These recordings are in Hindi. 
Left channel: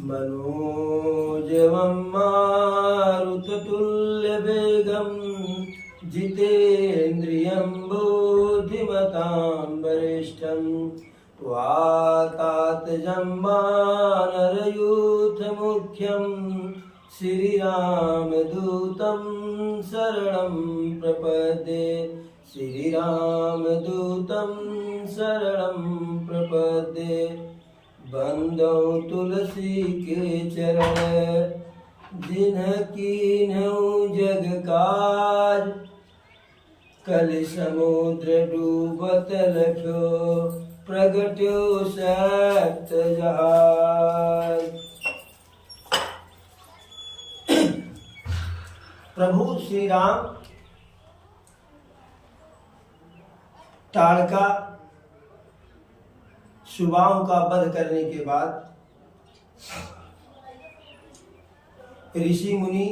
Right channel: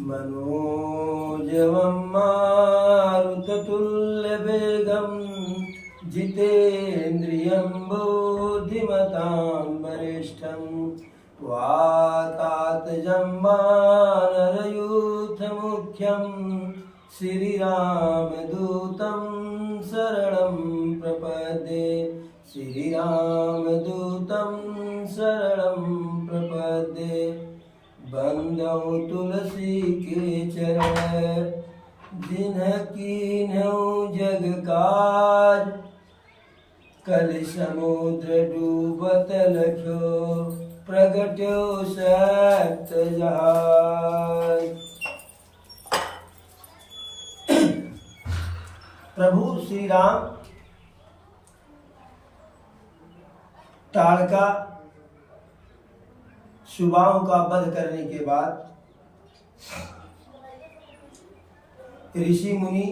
मनोजवं मारुततुल्यवेगं जितेन्द्रियं बुद्धिमतां वरिष्ठं वातात्मजं वानरयूथमुख्यं श्रीरामदूतं शरणं प्रपद्ये। श्रीरामदूतं शरणं प्रपद्ये। बंदौ तुलसी के चरण जिन्ह कीन्हु जग काज। कल समुद्र डूबत लख्यो प्रगट्यो सप्त जहाज। प्रभु श्री राम ताड़का सुबाहों का वध करने के बाद ऋषि मुनि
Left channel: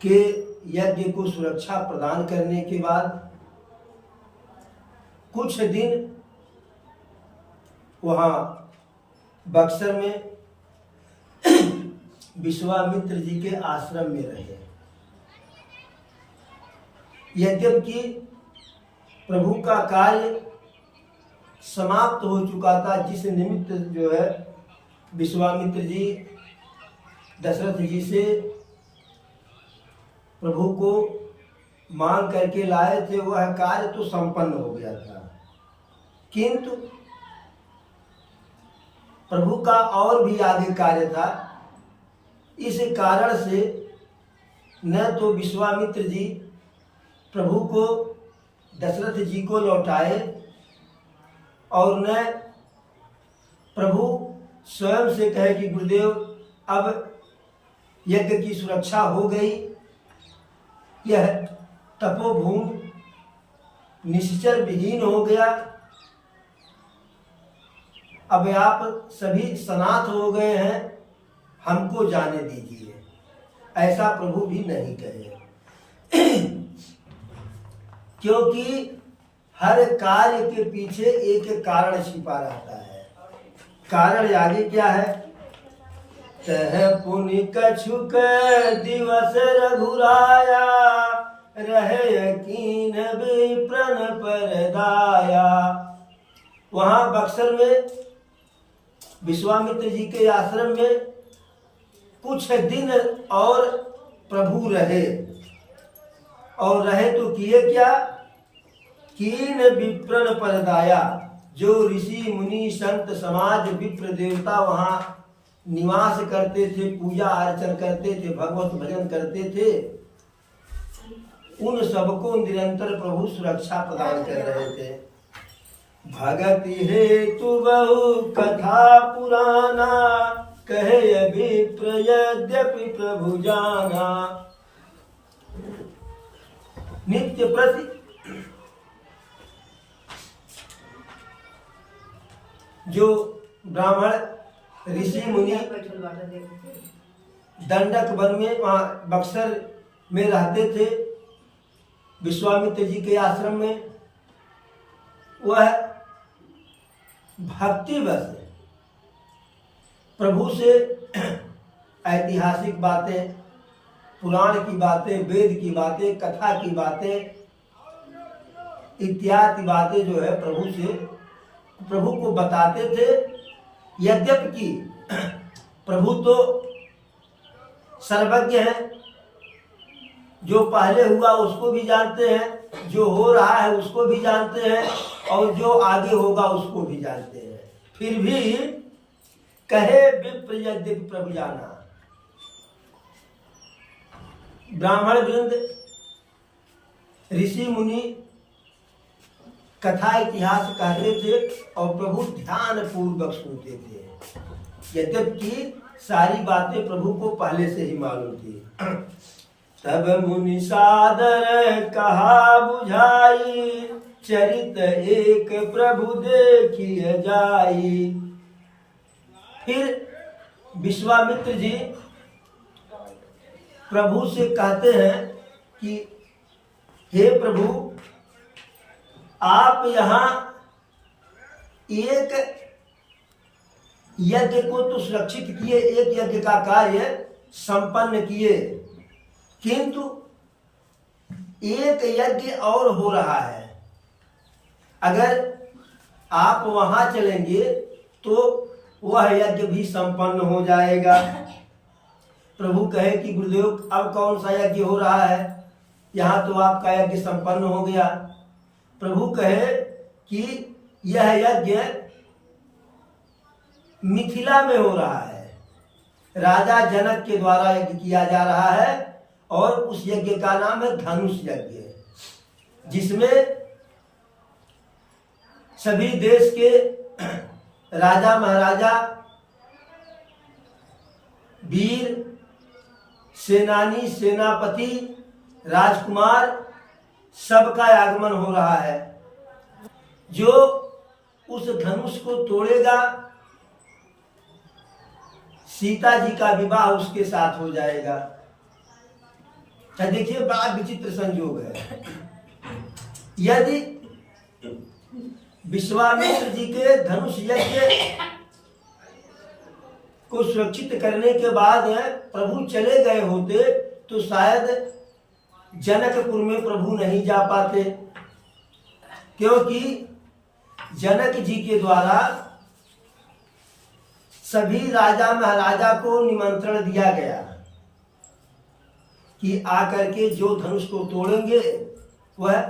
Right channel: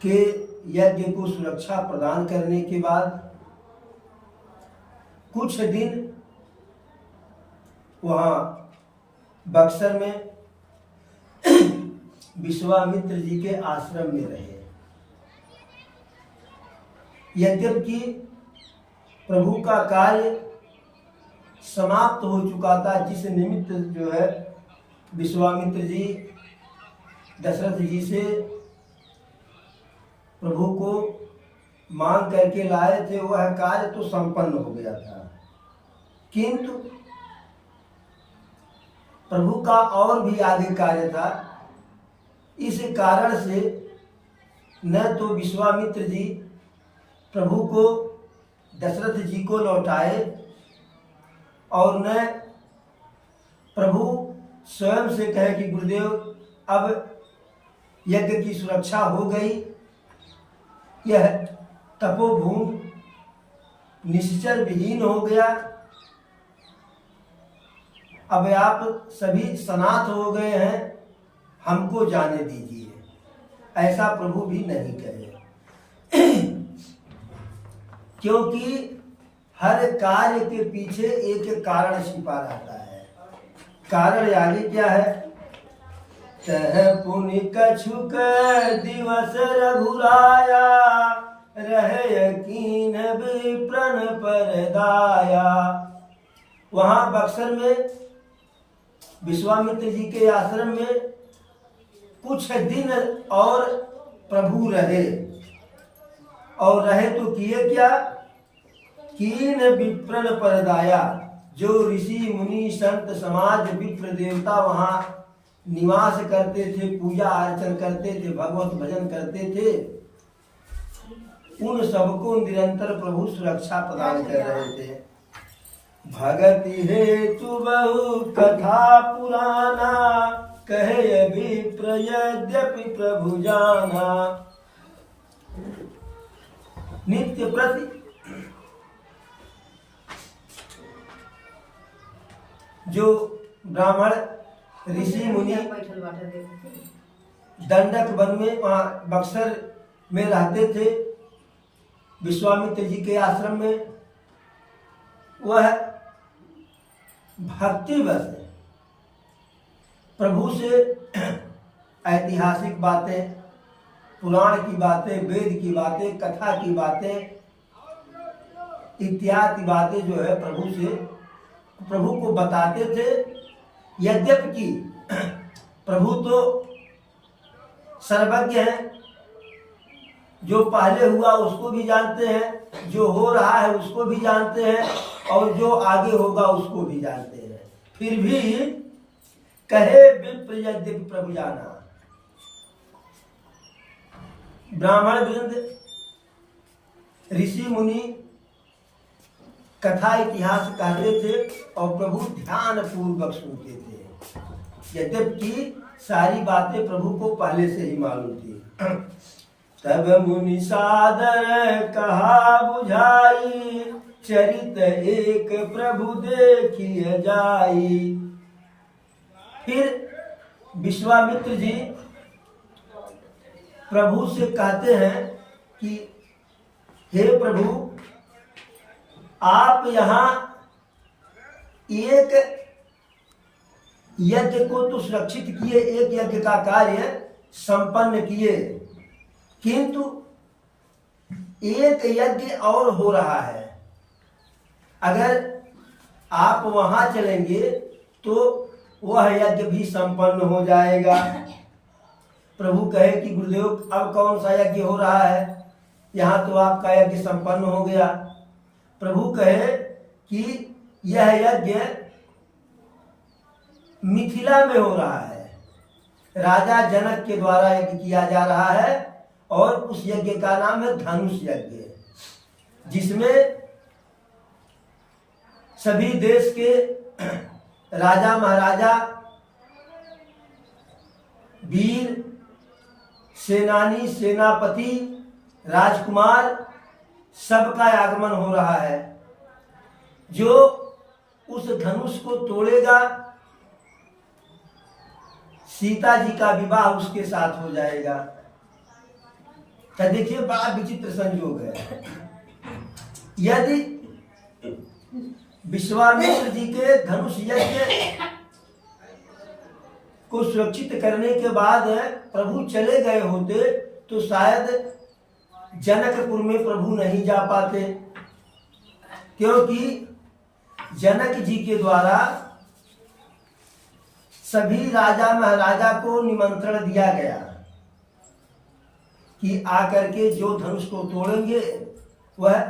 के यज्ञ को सुरक्षा प्रदान करने के बाद कुछ दिन वहां बक्सर में विश्वामित्र जी के आश्रम में रहे। यद्यपि प्रभु का कार्य समाप्त हो चुका था, जिस निमित्त जो है विश्वामित्र जी दशरथ जी से प्रभु को मांग करके लाए थे, वह कार्य तो संपन्न हो गया था। किंतु प्रभु का और भी आगे कार्य था। इस कारण से न तो विश्वामित्र जी प्रभु को दशरथ जी को लौटाए और न प्रभु स्वयं से कहे कि गुरुदेव अब यज्ञ की सुरक्षा हो गई, यह तपोभूमि निश्चर विहीन हो गया, अब आप सभी सनाथ हो गए हैं, हमको जाने दीजिए। ऐसा प्रभु भी नहीं कहे। क्योंकि हर कार्य के पीछे एक कारण छिपा रहता है। कारण आगे क्या है? तह पुनि कछुक दिवस रघुराया, रहे यकीन विप्रन परदाया। वहां बक्सर में विश्वामित्र जी के आश्रम में कुछ दिन और प्रभु रहे, और रहे तो किए क्या? कीन विप्रन परदाया। जो ऋषि मुनि संत समाज विप्र देवता वहां निवास करते थे, पूजा अर्चन करते थे, भगवत भजन करते थे, उन सबको निरंतर प्रभु सुरक्षा प्रदान कर रहे थे। भगति हेतु बहु कथा पुराना, कहे विप्र यद्यपि प्रभु जाना। नित्य प्रति जो ब्राह्मण ऋषि मुनि दंडक वन में वहां बक्सर में रहते थे, विश्वामित्र जी के आश्रम में, वह भक्तिवश प्रभु से ऐतिहासिक बातें, पुराण की बातें, वेद की बातें, कथा की बातें इत्यादि बातें जो है प्रभु को बताते थे। यद्यपि प्रभु तो सर्वज्ञ हैं, जो पहले हुआ उसको भी जानते हैं, जो हो रहा है उसको भी जानते हैं, और जो आगे होगा उसको भी जानते हैं। फिर भी कहे विप्र यद्यपि प्रभु जाना। ब्राह्मण वृंद, ऋषि मुनि कथा इतिहास कहते थे और प्रभु ध्यान पूर्वक सुनते थे, यद्यपि सारी बातें प्रभु को पहले से ही मालूम थी। तब मुनि सादर कहा बुझाई, चरित एक प्रभु देखिए जाई। फिर विश्वामित्र जी प्रभु से कहते हैं कि हे प्रभु, आप यहाँ एक यज्ञ को तो सुरक्षित किए, एक यज्ञ का कार्य संपन्न किए, किंतु एक यज्ञ और हो रहा है। अगर आप वहां चलेंगे तो वह यज्ञ भी संपन्न हो जाएगा। प्रभु कहे कि गुरुदेव अब कौन सा यज्ञ हो रहा है, यहाँ तो आपका यज्ञ संपन्न हो गया। प्रभु कहे कि यह यज्ञ मिथिला में हो रहा है, राजा जनक के द्वारा यज्ञ किया जा रहा है, और उस यज्ञ का नाम है धनुष यज्ञ, जिसमें सभी देश के राजा महाराजा, वीर, सेनानी, सेनापति, राजकुमार सबका आगमन हो रहा है। जो उस धनुष को तोड़ेगा, सीता जी का विवाह उसके साथ हो जाएगा। देखिए बड़ा विचित्र संयोग है। यदि विश्वामित्र जी के धनुष यज्ञ को सुरक्षित करने के बाद प्रभु चले गए होते तो शायद जनकपुर में प्रभु नहीं जा पाते, क्योंकि जनक जी के द्वारा सभी राजा महाराजा को निमंत्रण दिया गया कि आकर के जो धनुष को तोड़ेंगे वह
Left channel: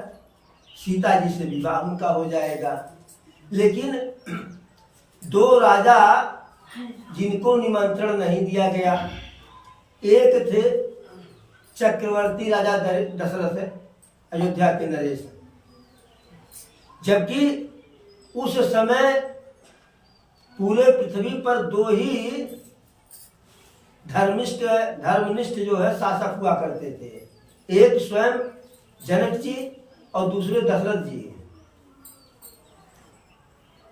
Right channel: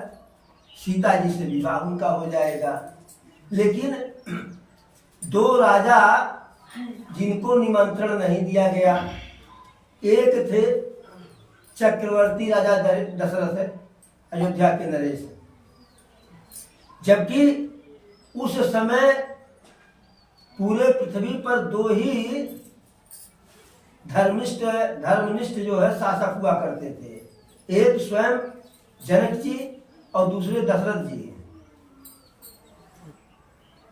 सीता जी से विवाह उनका हो जाएगा। लेकिन दो राजा जिनको निमंत्रण नहीं दिया गया, एक थे चक्रवर्ती राजा दशरथ, अयोध्या के नरेश, जबकि उस समय पूरे पृथ्वी पर दो ही धर्मनिष्ठ जो है शासक हुआ करते थे, एक स्वयं जनक जी और दूसरे दशरथ जी।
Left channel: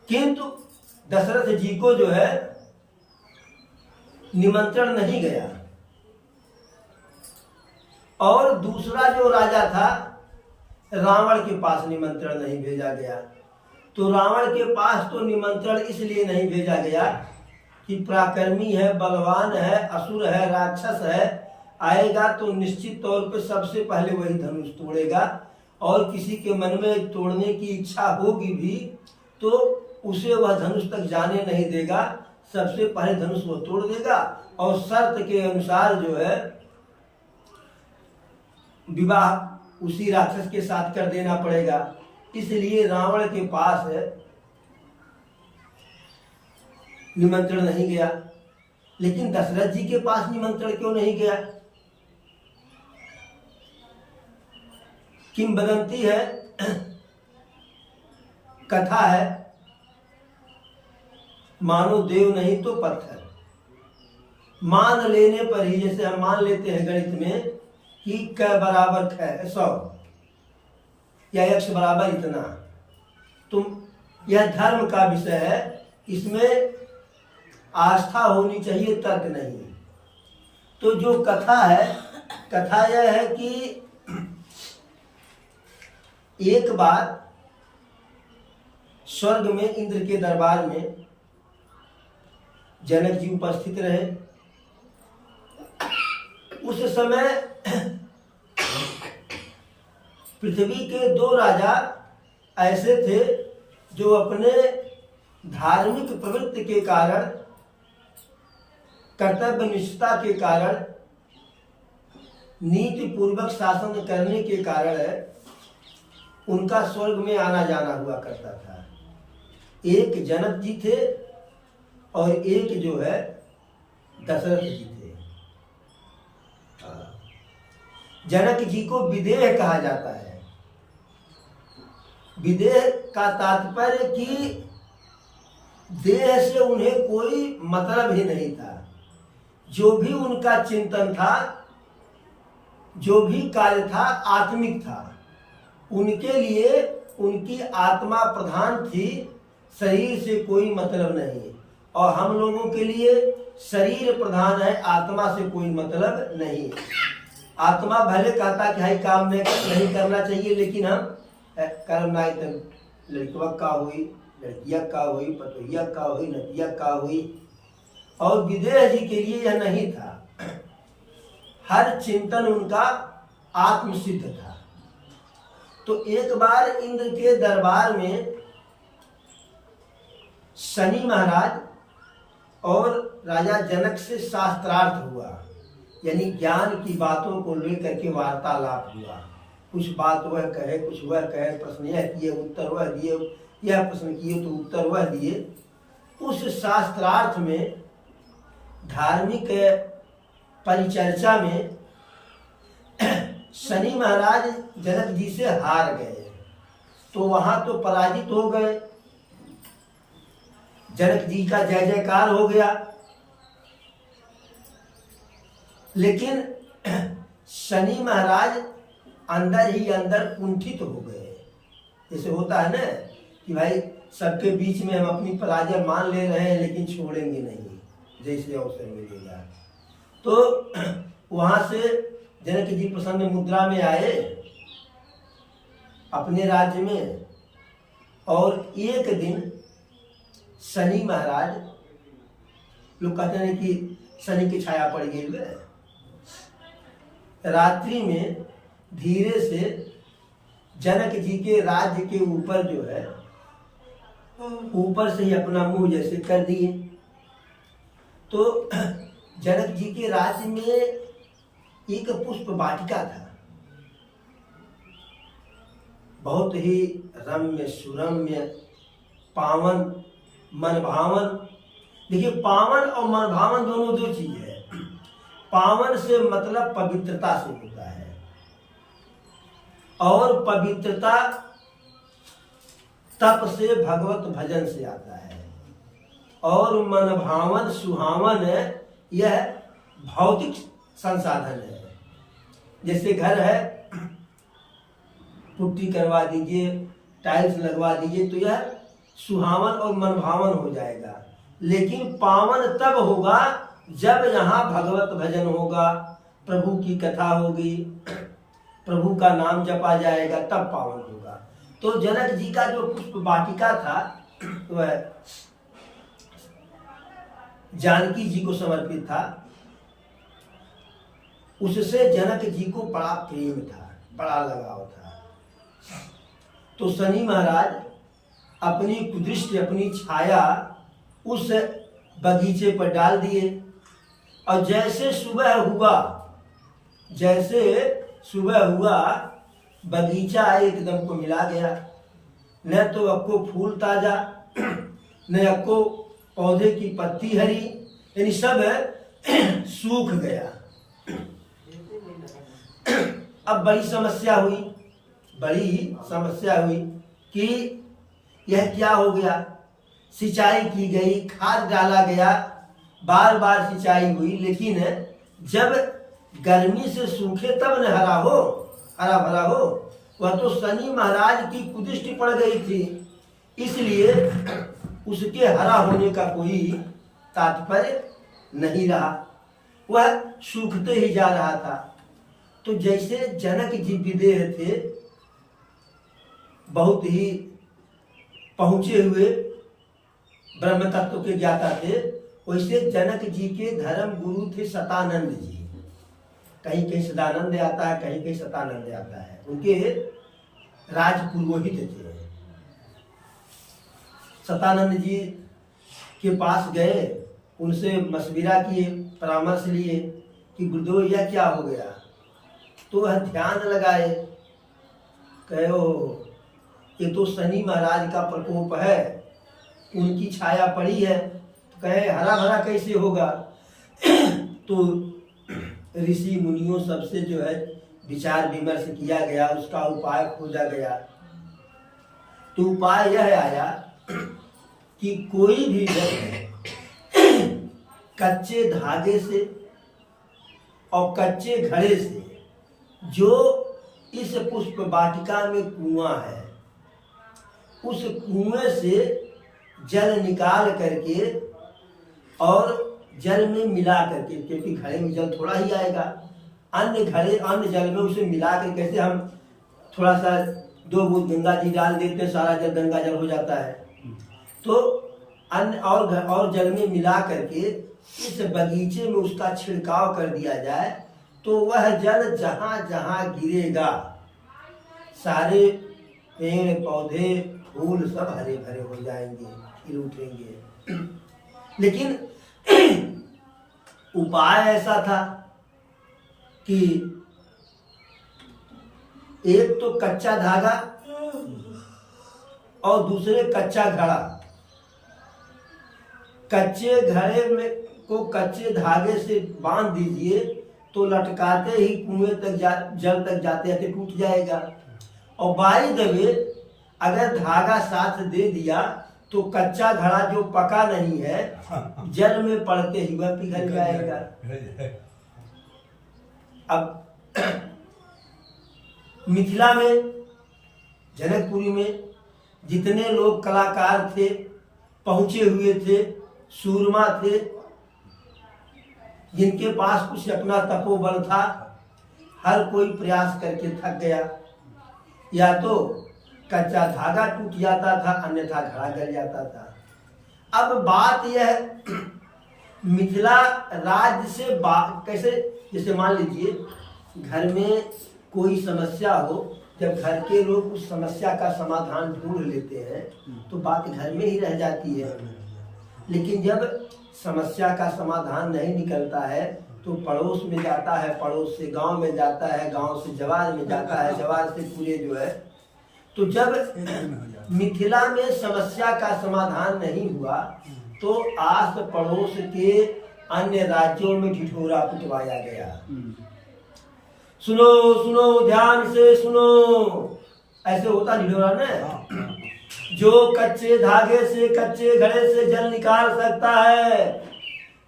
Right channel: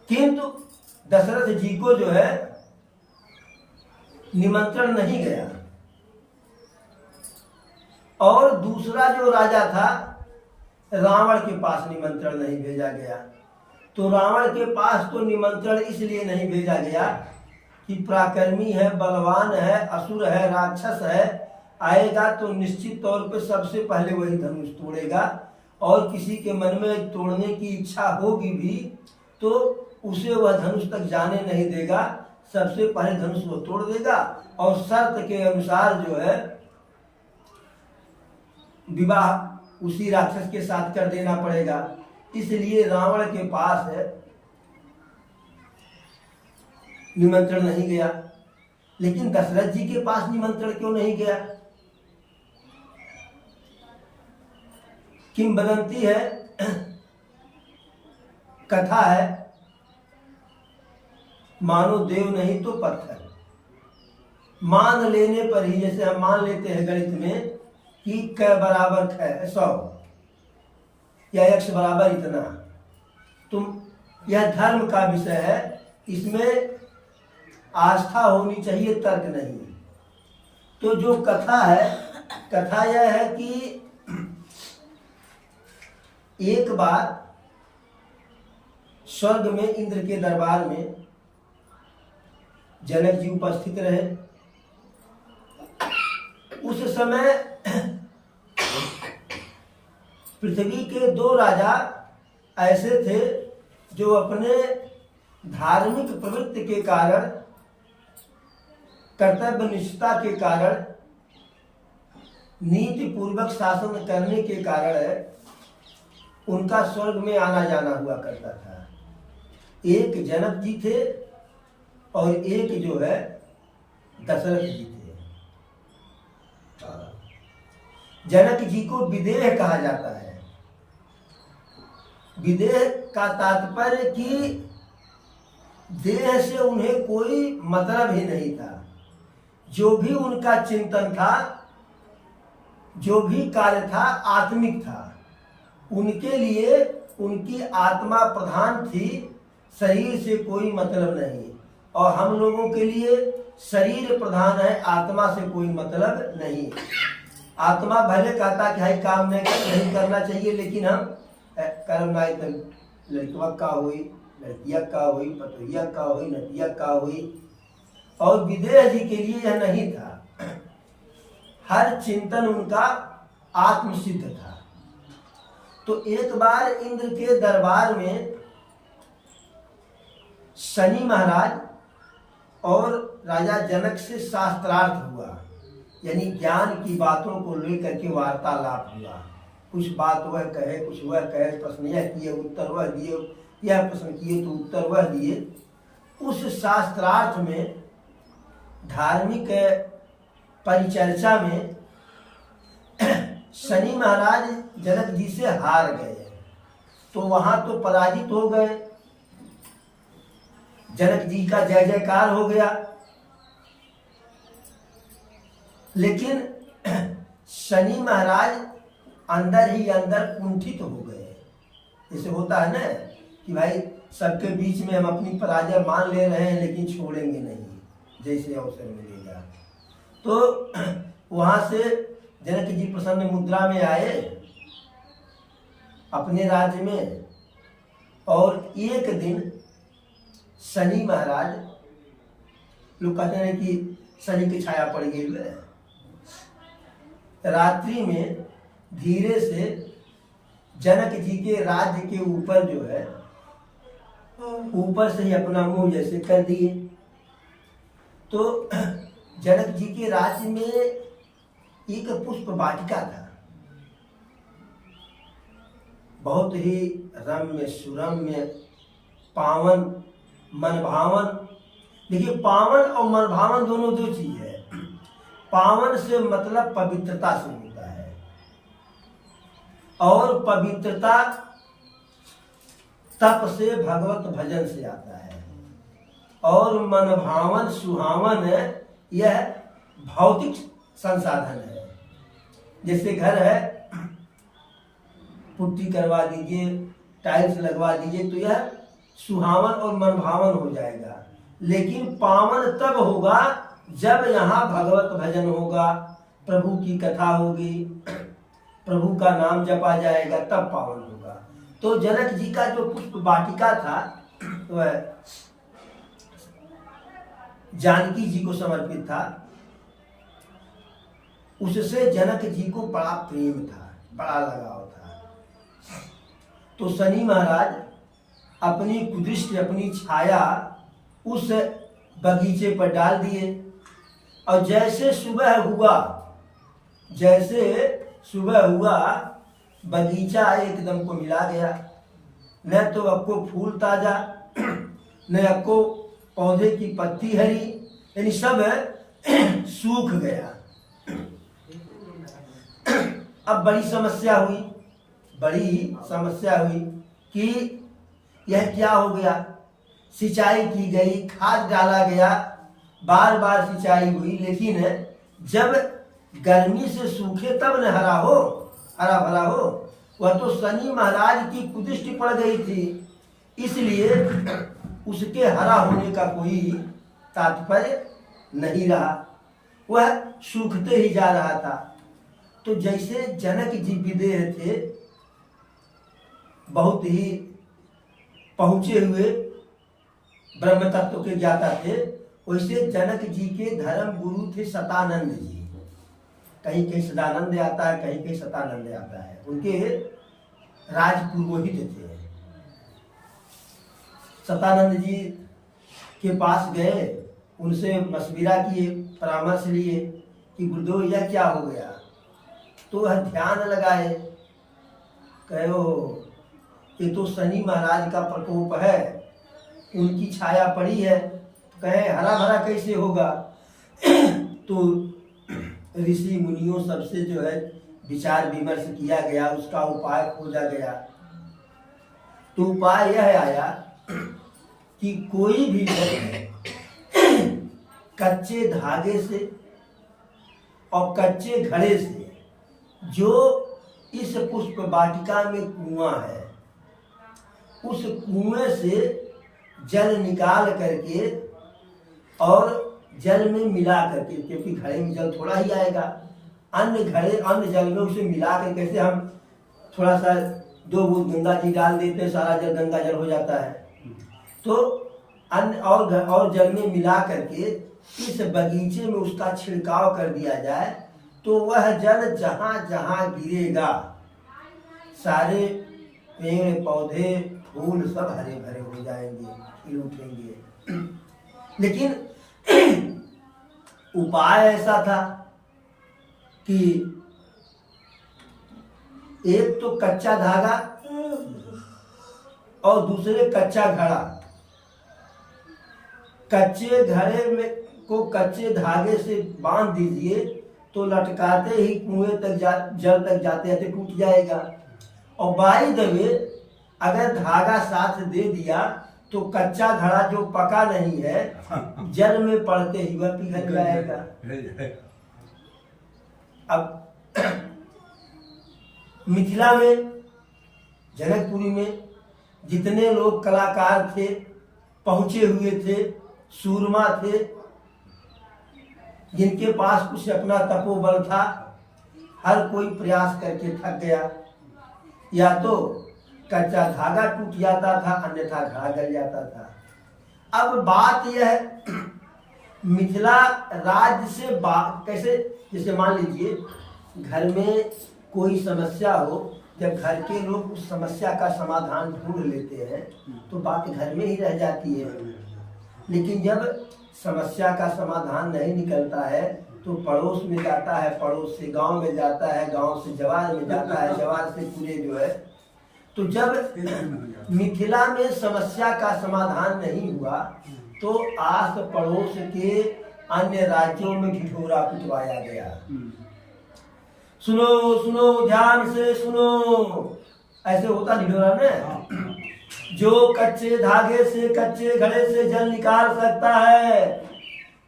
किंतु दशरथ जी को जो है निमंत्रण नहीं गया, और दूसरा जो राजा था रावण के पास निमंत्रण नहीं भेजा गया। तो रावण के पास तो निमंत्रण इसलिए नहीं भेजा गया कि पराक्रमी है, बलवान है, असुर है, राक्षस है, आएगा तो निश्चित तौर पे सबसे पहले वही धनुष तोड़ेगा, और किसी के मन में तोड़ने की इच्छा होगी भी तो उसे वह धनुष तक जाने नहीं देगा, सबसे पहले धनुष वो तोड़ देगा, और शर्त के अनुसार जो है विवाह उसी राक्षस के साथ कर देना पड़ेगा। इसलिए रावण के पास निमंत्रण नहीं गया। लेकिन दशरथ जी के पास निमंत्रण क्यों नहीं गया? किंवदंती है, कथा है, मानो देव नहीं तो पत्थर। मान लेने पर ही, जैसे हम मान लेते हैं गणित में कि क बराबर 100 या x बराबर इतना, तो यह धर्म का विषय है, इसमें आस्था होनी चाहिए, तर्क नहीं। तो जो कथा है, कथा यह है कि एक बार स्वर्ग में इंद्र के दरबार में जनक जी उपस्थित रहे। उस समय पृथ्वी के दो राजा ऐसे थे जो अपने धार्मिक प्रवृत्ति के कारण, कर्तव्य निष्ठा के कारण, नीति पूर्वक शासन करने के कारण उनका स्वर्ग में आना जाना हुआ करता था। एक जनक जी थे और एक जो है दशरथ जी थे। जनक जी को विदेह कहा जाता है। विदेह का तात्पर्य कि देह से उन्हें कोई मतलब ही नहीं था। जो भी उनका चिंतन था, जो भी कार्य था, आत्मिक था। उनके लिए उनकी आत्मा प्रधान थी, शरीर से कोई मतलब नहीं। और हम लोगों के लिए शरीर प्रधान है, आत्मा से कोई मतलब नहीं। आत्मा भले कहता कि हाई काम नहीं करना चाहिए, लेकिन हम कर्म ना, लड़कवा का हुई, लड़किया का हुई, पतोहिया का हुई, नतिया का हुई, और विदेह जी के लिए यह नहीं था। हर चिंतन उनका आत्मसिद्ध था। तो एक बार इंद्र के दरबार में शनि महाराज और राजा जनक से शास्त्रार्थ हुआ, यानी ज्ञान की बातों को लेकर के वार्तालाप हुआ। कुछ बात वह कहे, कुछ वह कहे, प्रश्न यह किए उत्तर वह दिए, यह प्रश्न किए तो उत्तर वह दिए। उस शास्त्रार्थ में, धार्मिक परिचर्चा में शनि महाराज जनक जी से हार गए, तो वहां तो पराजित हो गए। जनक जी का जय जयकार हो गया, लेकिन शनि महाराज अंदर ही अंदर कुंठित हो गए। जैसे होता है ना कि भाई सबके बीच में हम अपनी पराजय मान ले रहे हैं लेकिन छोड़ेंगे नहीं, जैसे अवसर मिलेगा। तो वहां से जनक जी प्रसन्न मुद्रा में आए अपने राज्य में, और एक दिन शनि महाराज, लोग कहते हैं कि शनि की छाया पड़ गई है, रात्रि में धीरे से जनक जी के राज्य के ऊपर जो है, ऊपर से ही अपना मुंह जैसे कर दिए। तो जनक जी के राज्य में एक पुष्प वाटिका था, बहुत ही रम्य सुरम्य पावन मनभावन। देखिए, पावन और मनभावन दोनों दो चीज है। पावन से मतलब पवित्रता से होता है, और पवित्रता तप से भगवत भजन से आता है, और मनभावन सुहावन यह भौतिक संसाधन है। जैसे घर है, पुट्टी करवा दीजिए, टाइल्स लगवा दीजिए, तो यह सुहावन और मनभावन हो जाएगा। लेकिन पावन तब होगा जब यहाँ भगवत भजन होगा, प्रभु की कथा होगी, प्रभु का नाम जपा जाएगा, तब पावन होगा। तो जनक जी का जो पुष्प वाटिका था वह जानकी जी को समर्पित था। उससे जनक जी को बड़ा प्रेम था, बड़ा लगाव था। तो शनि महाराज अपनी कुदृष्टि, अपनी छाया उस बगीचे पर डाल दिए, और जैसे सुबह हुआ बगीचा एकदम को मिला गया। न तो अक्को फूल ताजा, न अक्को पौधे की पत्ती हरी, यानी सब सूख गया। अब बड़ी समस्या हुई कि यह क्या हो गया। सिंचाई की गई, खाद डाला गया, बार बार सिंचाई हुई, लेकिन जब गर्मी से सूखे तब न हरा भरा हो। वह तो शनि महाराज की कुदृष्टि पड़ गई थी, इसलिए उसके हरा होने का कोई तात्पर्य नहीं रहा, वह सूखते ही जा रहा था। तो जैसे जनक जी विदेह थे, बहुत ही पहुंचे हुए ब्रह्म तत्व के ज्ञाता थे, वैसे जनक जी के धर्म गुरु थे सतानंद जी। कहीं कहीं सदानंद आता है, कहीं कहीं सतानंद आता है। उनके राजपुरोहित थे। सतानंद जी के पास गए, उनसे मशविरा किए, परामर्श लिए कि गुरुदेव यह क्या हो गया। तो वह ध्यान लगाए, कहे ये तो शनि महाराज का प्रकोप है, उनकी छाया पड़ी है, तो कहे हरा भरा कैसे होगा। तो ऋषि मुनियों सबसे जो है विचार विमर्श किया गया, उसका उपाय खोजा गया। तो उपाय यह आया कि कोई भी व्यक्ति कच्चे धागे से और कच्चे घड़े से, जो इस पुष्प वाटिका में कुआं है, उस कुएं से जल निकाल करके और जल में मिला करके, क्योंकि घड़े में जल थोड़ा ही आएगा, अन्य जल में उसे मिला कर, कैसे हम थोड़ा सा 2 बूंद गंगा जी डाल देते हैं, सारा जल गंगा जल हो जाता है। तो अन्य और जल में मिला करके इस बगीचे में उसका छिड़काव कर दिया जाए तो वह जल जहां जहां गिरेगा सारे पेड़ पौधे फूल सब हरे भरे हो जाएंगे, खिल उठेंगे। लेकिन उपाय ऐसा था कि एक तो कच्चा धागा और दूसरे कच्चा घड़ा। कच्चे घड़े में को कच्चे धागे से बांध दीजिए तो लटकाते ही कुएं तक जल तक जाते जाते टूट जाएगा। और बाई द वे अगर धागा साथ दे दिया तो कच्चा घड़ा जो पका नहीं है जल में पड़ते ही वह पिघल जाएगा। अब मिथिला में जनकपुरी में जितने लोग कलाकार थे, पहुंचे हुए थे, सूरमा थे, जिनके पास कुछ अपना तपोबल था, हर कोई प्रयास करके थक गया। या तो कच्चा धागा टूट जाता था, अन्यथा घड़ा गल जाता था। अब बात यह है मिथिला राज्य से कैसे, जैसे मान लीजिए घर में कोई समस्या हो, जब घर के लोग उस समस्या का समाधान ढूंढ लेते हैं तो बात घर में ही रह जाती है। लेकिन जब समस्या का समाधान नहीं निकलता है तो पड़ोस में जाता है, पड़ोस से गांव में जाता है, गांव से जवार में जाता है, जवार से पूरे जो है। तो जब मिथिला में समस्या का समाधान नहीं हुआ तो आस पड़ोस के अन्य राज्यों में ढिढोरा पिटवाया गया। सुनो सुनो ध्यान से सुनो, ऐसे होता ढिढोरा ने। जो कच्चे धागे से कच्चे घड़े से जल निकाल सकता है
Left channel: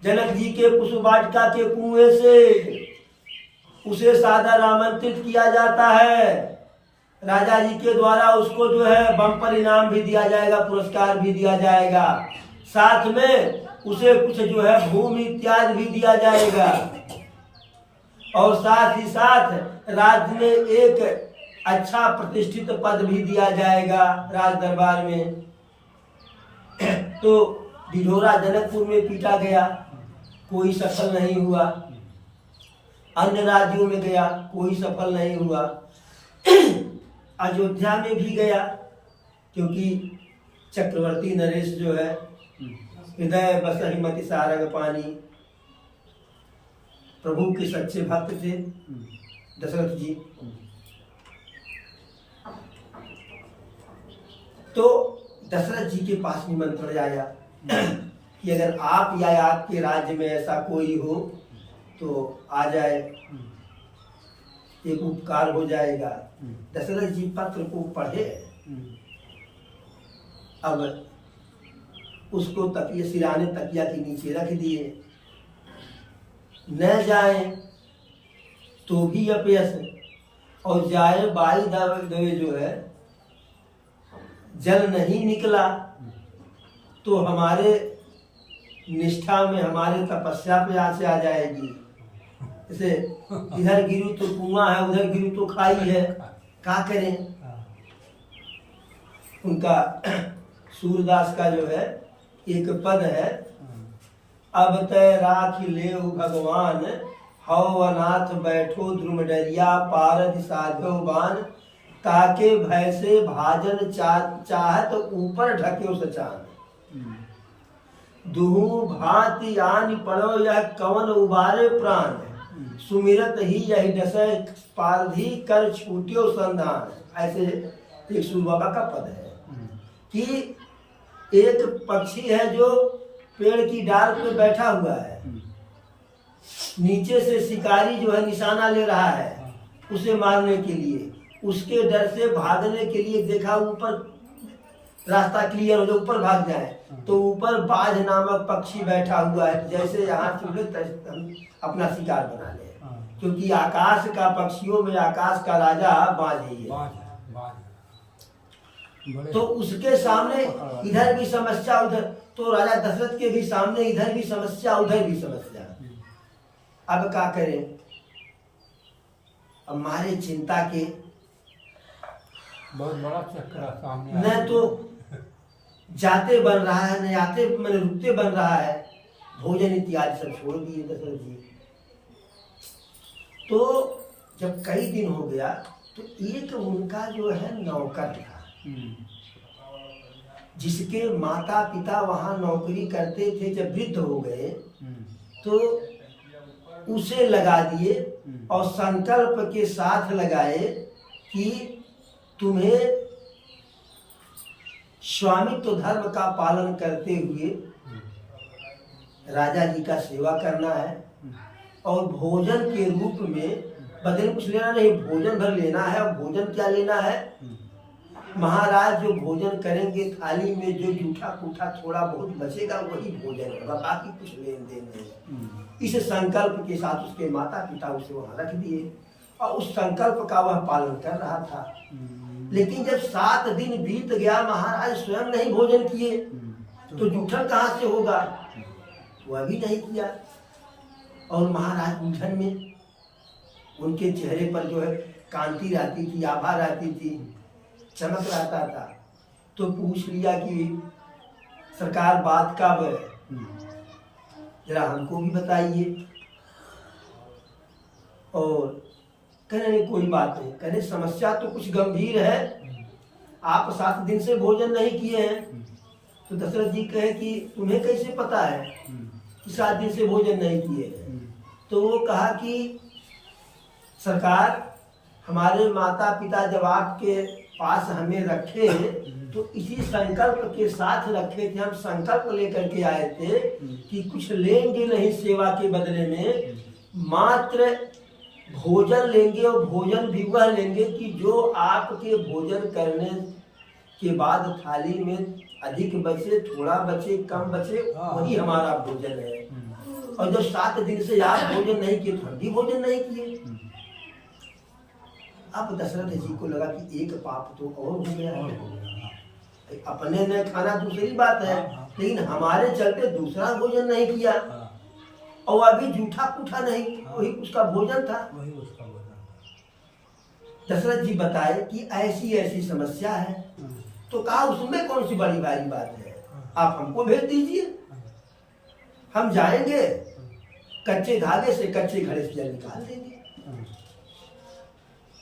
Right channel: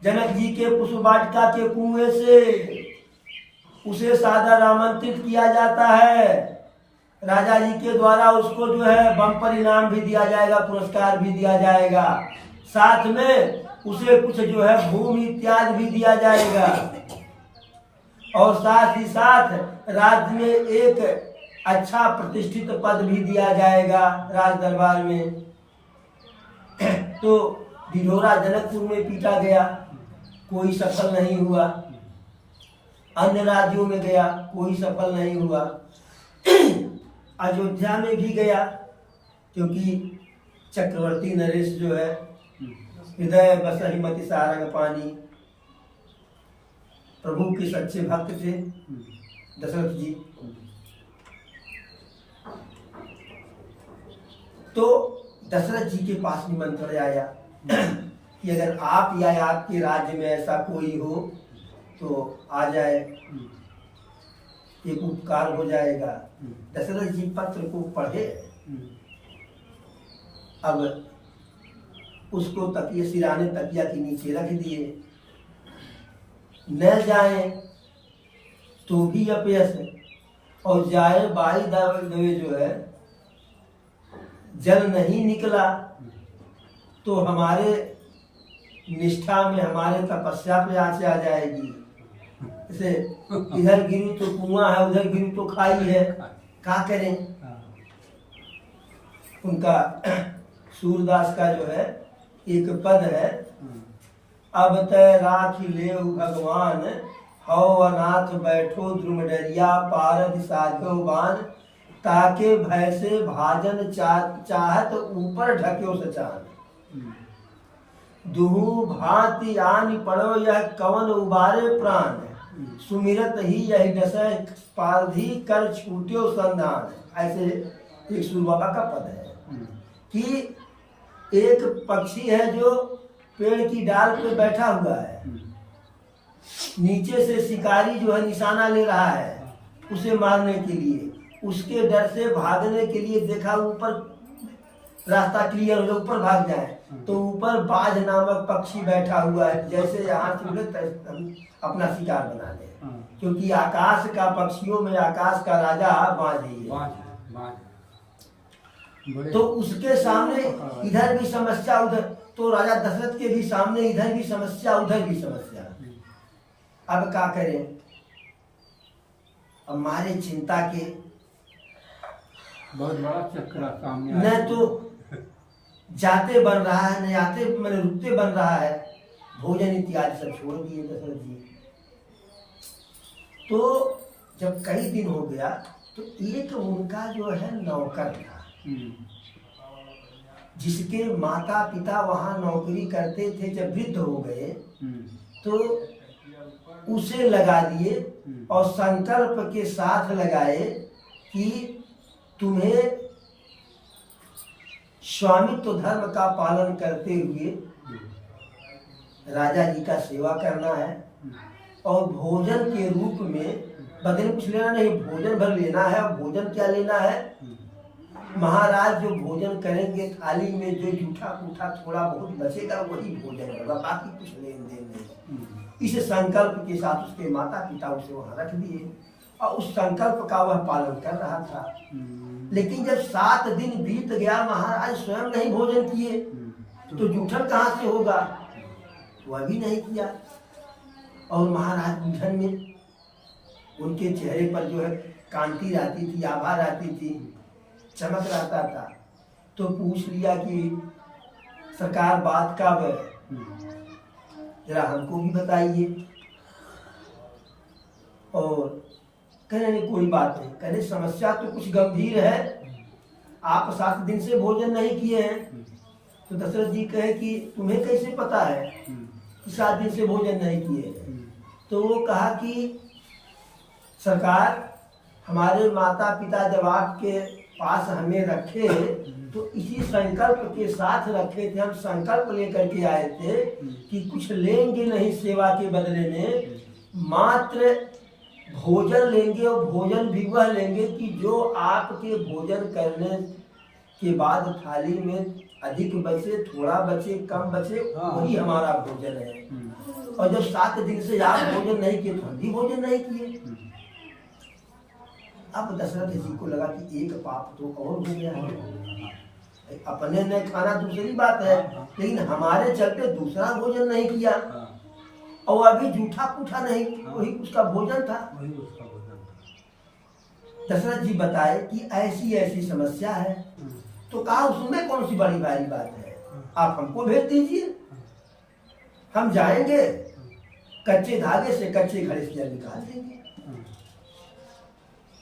जनक जी के पुष्प वाटिका के कुएं से, उसे सादर आमंत्रित किया जाता है। राजा जी के द्वारा उसको जो है बम्पर इनाम भी दिया जाएगा, पुरस्कार भी दिया जाएगा, साथ में उसे कुछ जो है भूमि इत्यादि भी दिया जाएगा। और साथ ही साथ राज्य में एक अच्छा प्रतिष्ठित पद भी दिया जाएगा राज दरबार में। तो ढिढोरा जनकपुर में पीटा गया, कोई सफल नहीं हुआ। अन्य राज्यों में गया, कोई सफल नहीं हुआ। अयोध्या में भी गया, क्योंकि चक्रवर्ती नरेश जो है हृदय बसहि मति सारंग पानी, प्रभु के सच्चे भक्त थे दशरथ जी। तो दशरथ जी के पास निमंत्रण आया कि अगर आप या आपके राज्य में ऐसा कोई हो तो आ जाए, एक उपकार हो जाएगा। दशरथ जी पत्र को पढ़े, अब उसको तकिए सिराने तकिया के नीचे रख दिए। न जाए तो भी अपयस, और जाए बाई दवे जो है जल नहीं निकला तो हमारे निष्ठा में, हमारे तपस्या पे आंच आ जाएगी। जैसे इधर गिरू तो कुआं है, उधर गिरू तो खाई है, क्या करें। उनका सूरदास का जो है एक पद है, अब तय राखी ले भगवान, हौ अनाथ बैठो द्रुम डरिया, पारद साधो बान, ताके भय से भाजन चाहत ऊपर ढक्यो सचान। दुहु भांति आन पड़ो यह कवन उबारे प्राण, सुमिरत ही यही डसै पारधी कर छूट्यो संधान। ऐसे एक सूर बाबा का पद है कि एक पक्षी है जो पेड़ की डाल पे बैठा हुआ है, नीचे से शिकारी जो है निशाना ले रहा है उसे मारने के लिए। उसके डर से भागने के लिए देखा ऊपर रास्ता क्लियर हो जाए, ऊपर भाग जाए, तो ऊपर बाज नामक पक्षी बैठा हुआ है। जैसे यहाँ चुले हम अपना शिकार बना ले, क्योंकि आकाश का पक्षियों में आकाश का राजा बाज ही है। तो उसके सामने इधर भी समस्या, उधर तो राजा दशरथ के भी सामने इधर भी समस्या, उधर भी समस्या। अब क्या करें। अब हमारे चिंता के बहुत बड़ा चक्कर सामने, न तो जाते बन रहा है, न आते मैंने रुकते बन रहा है। भोजन इत्यादि सब छोड़ दिए दशरथ जी। तो जब कई दिन हो गया तो एक उनका जो है नौकर था, जिसके माता पिता वहाँ नौकरी करते थे, जब वृद्ध हो गए तो उसे लगा दिए और संकल्प के साथ लगाए कि तुम्हें स्वामित्व धर्म का पालन करते हुए राजा जी का सेवा करना है और भोजन के रूप में बदले कुछ लेना नहीं, भोजन भर लेना है। और भोजन क्या लेना है? महाराज जो भोजन करेंगे थाली में जो जूठा कूठा थोड़ा बहुत बचेगा वही भोजन होगा, बाकी कुछ लेन देन नहीं। इस संकल्प के साथ उसके माता पिता उसे वहां रख दिए और उस संकल्प का वह पालन कर रहा था। लेकिन जब 7 दिन बीत गया, महाराज स्वयं नहीं भोजन किए तो जूठन कहाँ से होगा? वह भी नहीं किया। और महाराज उलझन में, उनके चेहरे पर जो है कांति रहती थी, आभा रहती थी, चमक रहता था। तो पूछ लिया कि सरकार बात का है, जरा हमको भी बताइए। और कहने नहीं कोई बात नहीं, कहने समस्या तो कुछ गंभीर है, आप 7 दिन से भोजन नहीं किए हैं। तो दशरथ जी कहे कि तुम्हें कैसे पता है कि 7 दिन से भोजन नहीं किए हैं? तो वो कहा कि सरकार, हमारे माता पिता जब आपके पास हमें रखे तो इसी संकल्प के साथ रखे थे। हम संकल्प लेकर के आए थे कि कुछ लेंगे नहीं सेवा के बदले में, मात्र भोजन लेंगे और भोजन भी वह लेंगे कि जो आपके भोजन करने के बाद थाली में अधिक बचे, थोड़ा बचे, कम बचे, वही हमारा भोजन है। और जब 7 दिन से आप भोजन नहीं किए तो हम भी भोजन नहीं किए। अब दशरथ जी को लगा कि एक पाप तो और हो गया है। अपने ने खाना दूसरी बात है, लेकिन हमारे चलते दूसरा भोजन नहीं किया और अभी जूठा पूठा नहीं, वही उसका भोजन था। दशरथ जी बताए कि ऐसी ऐसी समस्या है। तो कहा उसमें कौन सी बड़ी भारी बात है, आप हमको भेज दीजिए, हम जाएंगे कच्चे धागे से कच्चे घड़े से जल निकाल देंगे।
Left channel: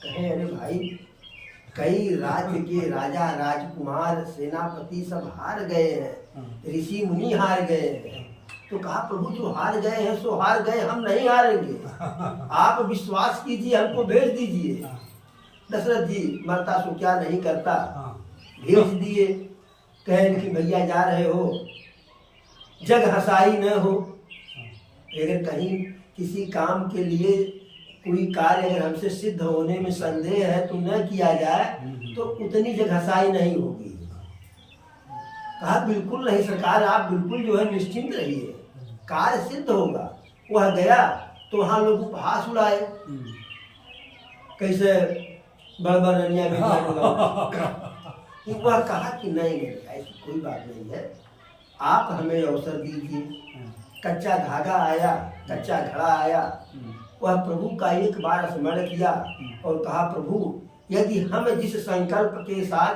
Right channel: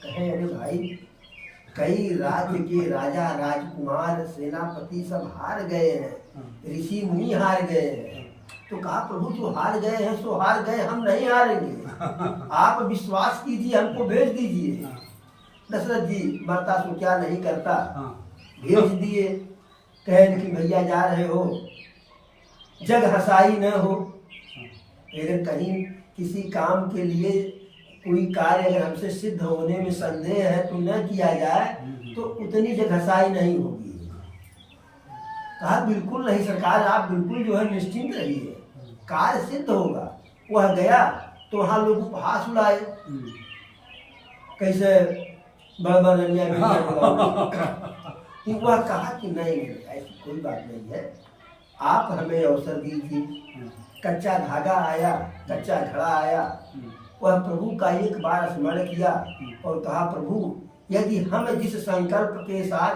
कहे अरे भाई, कई राज्य के राजा राजकुमार सेनापति सब हार गए हैं, ऋषि मुनि हार गए हैं। तो कहा प्रभु जो हार गए हैं सो हार गए, हम नहीं हारेंगे, आप विश्वास कीजिए, हमको भेज दीजिए। दशरथ जी मरता सो क्या नहीं करता, भेज दिए। कहे लेकिन भैया जा रहे हो, जग हसाई न हो, अगर कहीं किसी काम के लिए कोई कार्य अगर हमसे सिद्ध होने में संदेह है तो न किया जाए तो उतनी जगहसाई नहीं होगी। कहा बिल्कुल नहीं सरकार, आप बिल्कुल जो है निश्चिंत रहिए, कार्य सिद्ध होगा। वह गया तो वहाँ लोग उपहास उड़ाए, कैसे बड़बड़िया वह कहा कि नहीं ऐसी कोई बात नहीं है, आप हमें अवसर दीजिए। कच्चा धागा आया, कच्चा घड़ा आया, वह प्रभु का एक बार स्मरण किया और कहा प्रभु यदि हम जिस संकल्प के साथ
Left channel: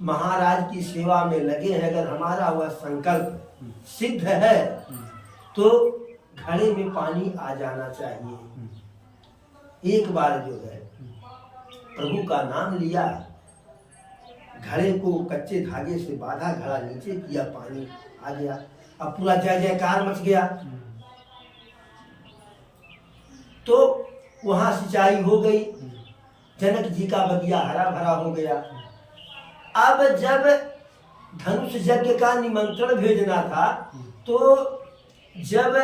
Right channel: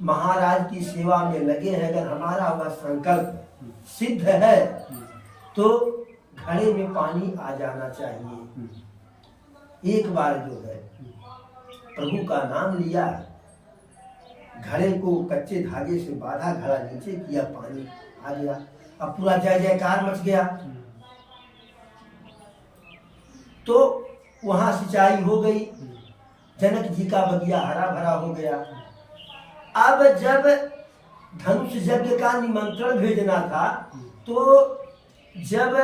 महाराज की सेवा में लगे हैं, अगर हमारा वह संकल्प सिद्ध है तो घड़े में पानी आ जाना चाहिए। एक बार जो है प्रभु का नाम लिया, घड़े को कच्चे धागे से बांधा, घड़ा नीचे किया, पानी आ गया। अब पूरा जय जयकार मच गया। तो वहां सिंचाई हो गई, जनक जी का बगिया हरा भरा हो गया। अब जब धनुष यज्ञ का निमंत्रण भेजना था तो जब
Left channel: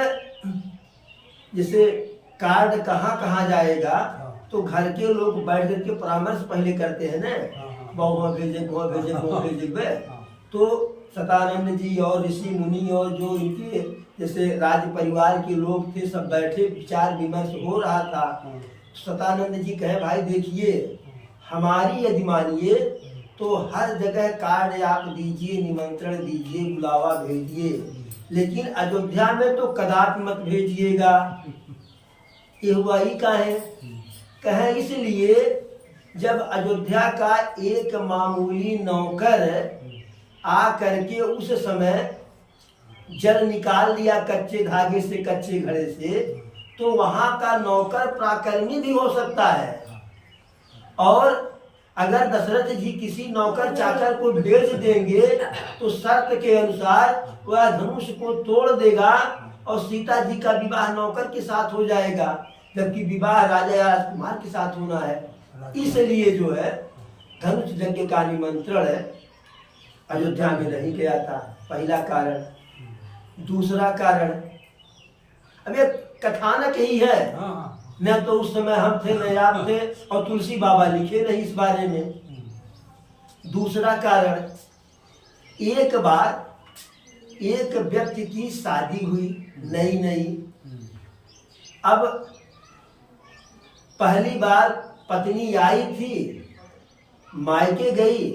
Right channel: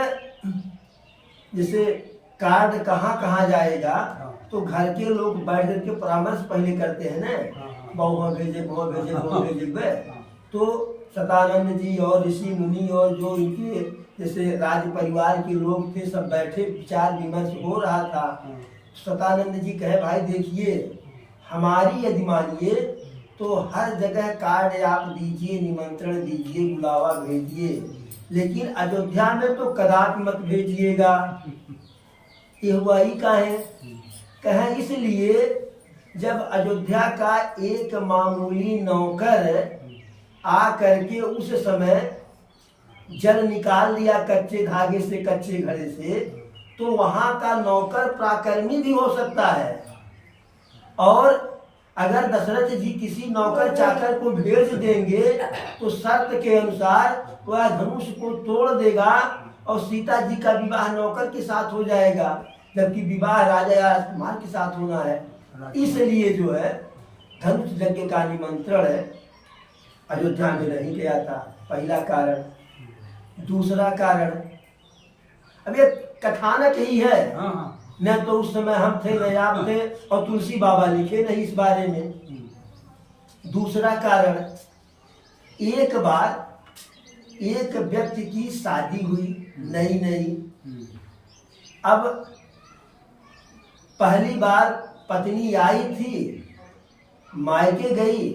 जैसे कार्ड कहाँ कहाँ जाएगा तो घर के लोग बैठ करके परामर्श पहले करते हैं ना, वहाँ भेजे वहाँ भेजे वहाँ भेजे। तो सतानंद जी और ऋषि मुनि और जो इनके जैसे राज परिवार के लोग थे सब बैठे, विचार विमर्श हो रहा था। सतानंद जी कहे भाई देखिए, हमारी यदि मानिए तो हर जगह कार्ड आप दीजिए, निमंत्रण दीजिए, बुलावा भेजिए, लेकिन अयोध्या में तो कदापि मत भेजिएगा। ये हुआ ही का है, कहे इसलिए जब अयोध्या का एक मामूली नौकर आ करके उस समय जल निकाल लिया कच्चे धागे से, कच्चे घड़े से, तो वहां का नौकर प्राकर्मी भी हो सकता है। और अगर दशरथ जी किसी नौकर चाकर को भेज देंगे तो शर्त के अनुसार वह धनुष को तोड़ देगा और सीता जी का विवाह नौकर के साथ हो जाएगा, जबकि विवाह राजा या राजकुमार के साथ होना है। इसलिए जो है धनुष यज्ञ का निमंत्रण अयोध्या में नहीं गया था, पहला कारण। दूसरा कारण, अब ये कथानक ही है, न तो उस समय हम थे न आप थे, और तुलसी बाबा लिखे नहीं इस बारे में। दूसरा कारण, एक बार एक व्यक्ति की शादी हुई नई नई, अब पहली बार पत्नी आई थी, मायके गई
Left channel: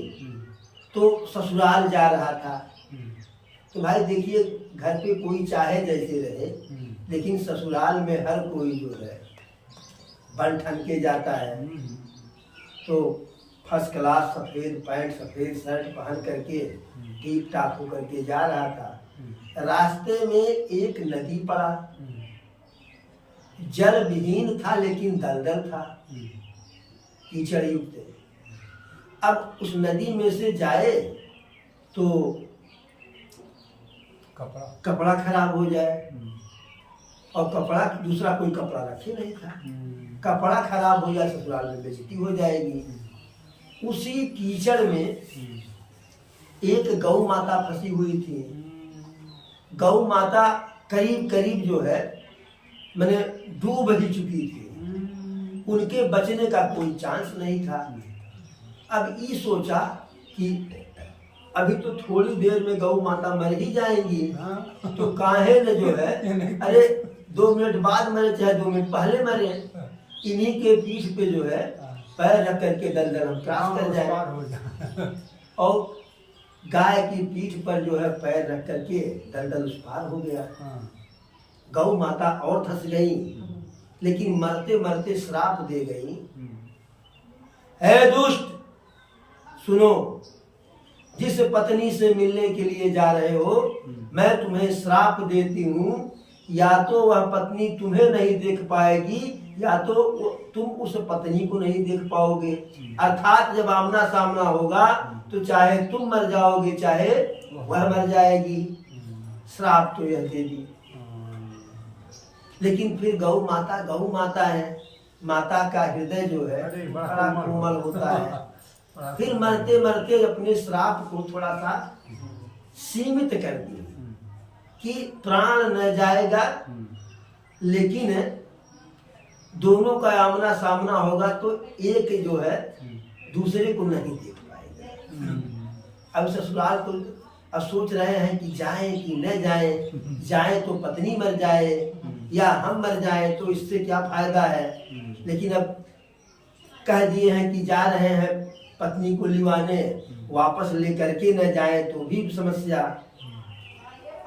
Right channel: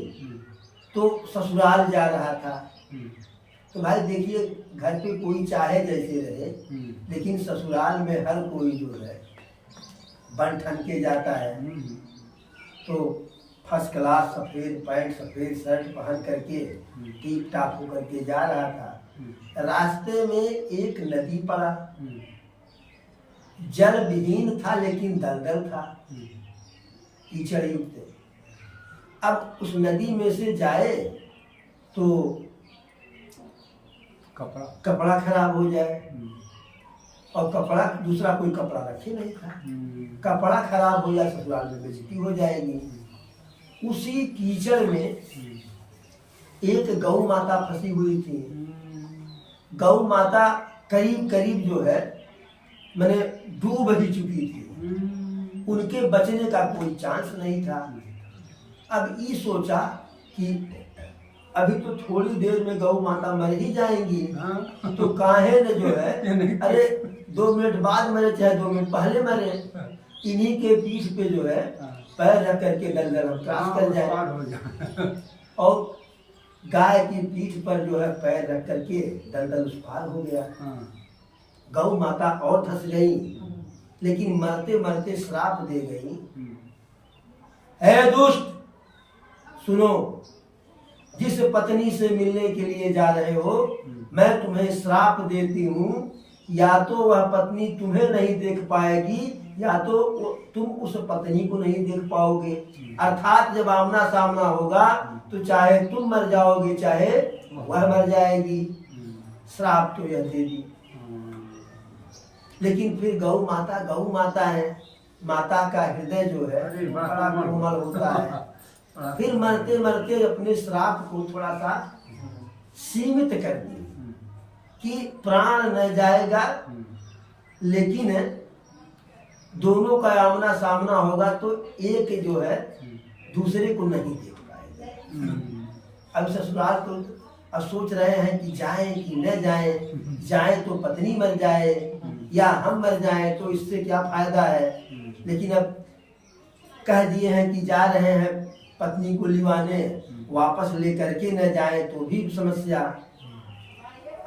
तो ससुराल जा रहा था। तो भाई देखिए, घर पे कोई चाहे जैसे रहे, लेकिन ससुराल में हर कोई जो है बन ठन के जाता है। तो फर्स्ट क्लास सफेद पैंट सफेद शर्ट पहन करके टीप टाप होकर के जा रहा था। रास्ते में एक नदी पड़ा, जल विहीन था लेकिन दलदल था, कीचड़ युक्त। अब उस नदी में से जाए तो कपड़ा खराब हो जाए, और कपड़ा दूसरा कोई कपड़ा रखे नहीं था, कपड़ा खराब हो जाए ससुराल में बेइज्जती हो जाएगी। उसी कीचड़ में एक गौ माता फंसी हुई थी। गौ माता करीब करीब जो है मैंने डूब ही चुकी थी, उनके बचने का कोई चांस नहीं था। अब ये सोचा कि अभी तो थोड़ी देर में गौ माता मर ही जाएंगी, तो काहे न जो है, अरे 2 मिनट बाद मरे चाहे 2 मिनट पहले मरे, इन्हीं के पीठ पे जो है पैर रख करके दलदल हम क्रॉस कर जाए। और गाय की पीठ पर जो है पैर रख करके दलदल उस पार हो गया। गौ माता और धंस गई, लेकिन मरते मरते श्राप दे गई, है दुष्ट सुनो, जिस पत्नी से मिलने के लिए जा रहे हो, मैं तुम्हें श्राप देती हूँ, या तो वह पत्नी तुम्हें नहीं देख पाएगी, या तो तुम उस पत्नी को नहीं देख पाओगे। अर्थात जब आमना सामना होगा तो चाहे तुम मर जाओगे चाहे वह मर जाएगी। श्राप तो यह दे दी। लेकिन फिर गौ माता है, माता का हृदय जो है बड़ा कोमल होता है। फिर मरते मरते अपने श्राप को थोड़ा सा सीमित कर दिए कि प्राण न जाएगा, लेकिन दोनों का आमना सामना होगा तो एक जो है दूसरे को नहीं देख पाएगा। अब ससुराल तो अब सोच रहे हैं कि जाएं कि न जाएं, जाएं तो पत्नी मर जाए या हम मर जाएं तो इससे क्या फायदा है। लेकिन अब कह दिए हैं कि जा रहे हैं पत्नी को लिवाने, वापस लेकर के न जाए तो भी समस्या।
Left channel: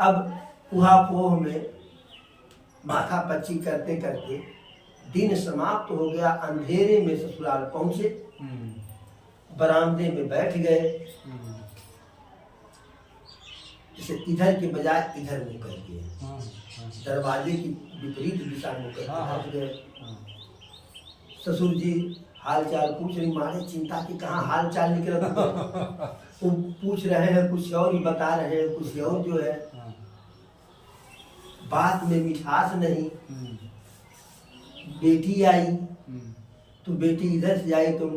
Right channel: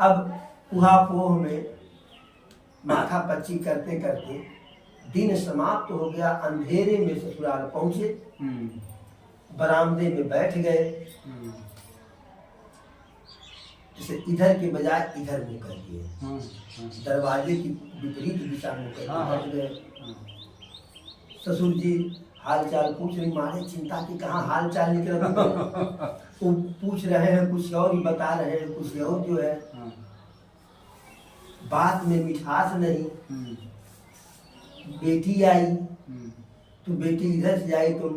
अब उहापोह में माथा पच्ची करते करते दिन समाप्त हो गया। अंधेरे में ससुराल पहुंचे, बरामदे में बैठ गए, जैसे इधर के बजाय इधर मुँह कर दिए, दरवाजे की विपरीत दिशा मुँह कर बैठ गए। ससुर जी हाल चाल पूछ रही, मारे चिंता की कहाँ हाल चाल निकल वो पूछ रहे हैं, कुछ और ही बता रहे हैं, कुछ और जो है बात में मिठास नहीं। बेटी आई तो बेटी इधर से आई तो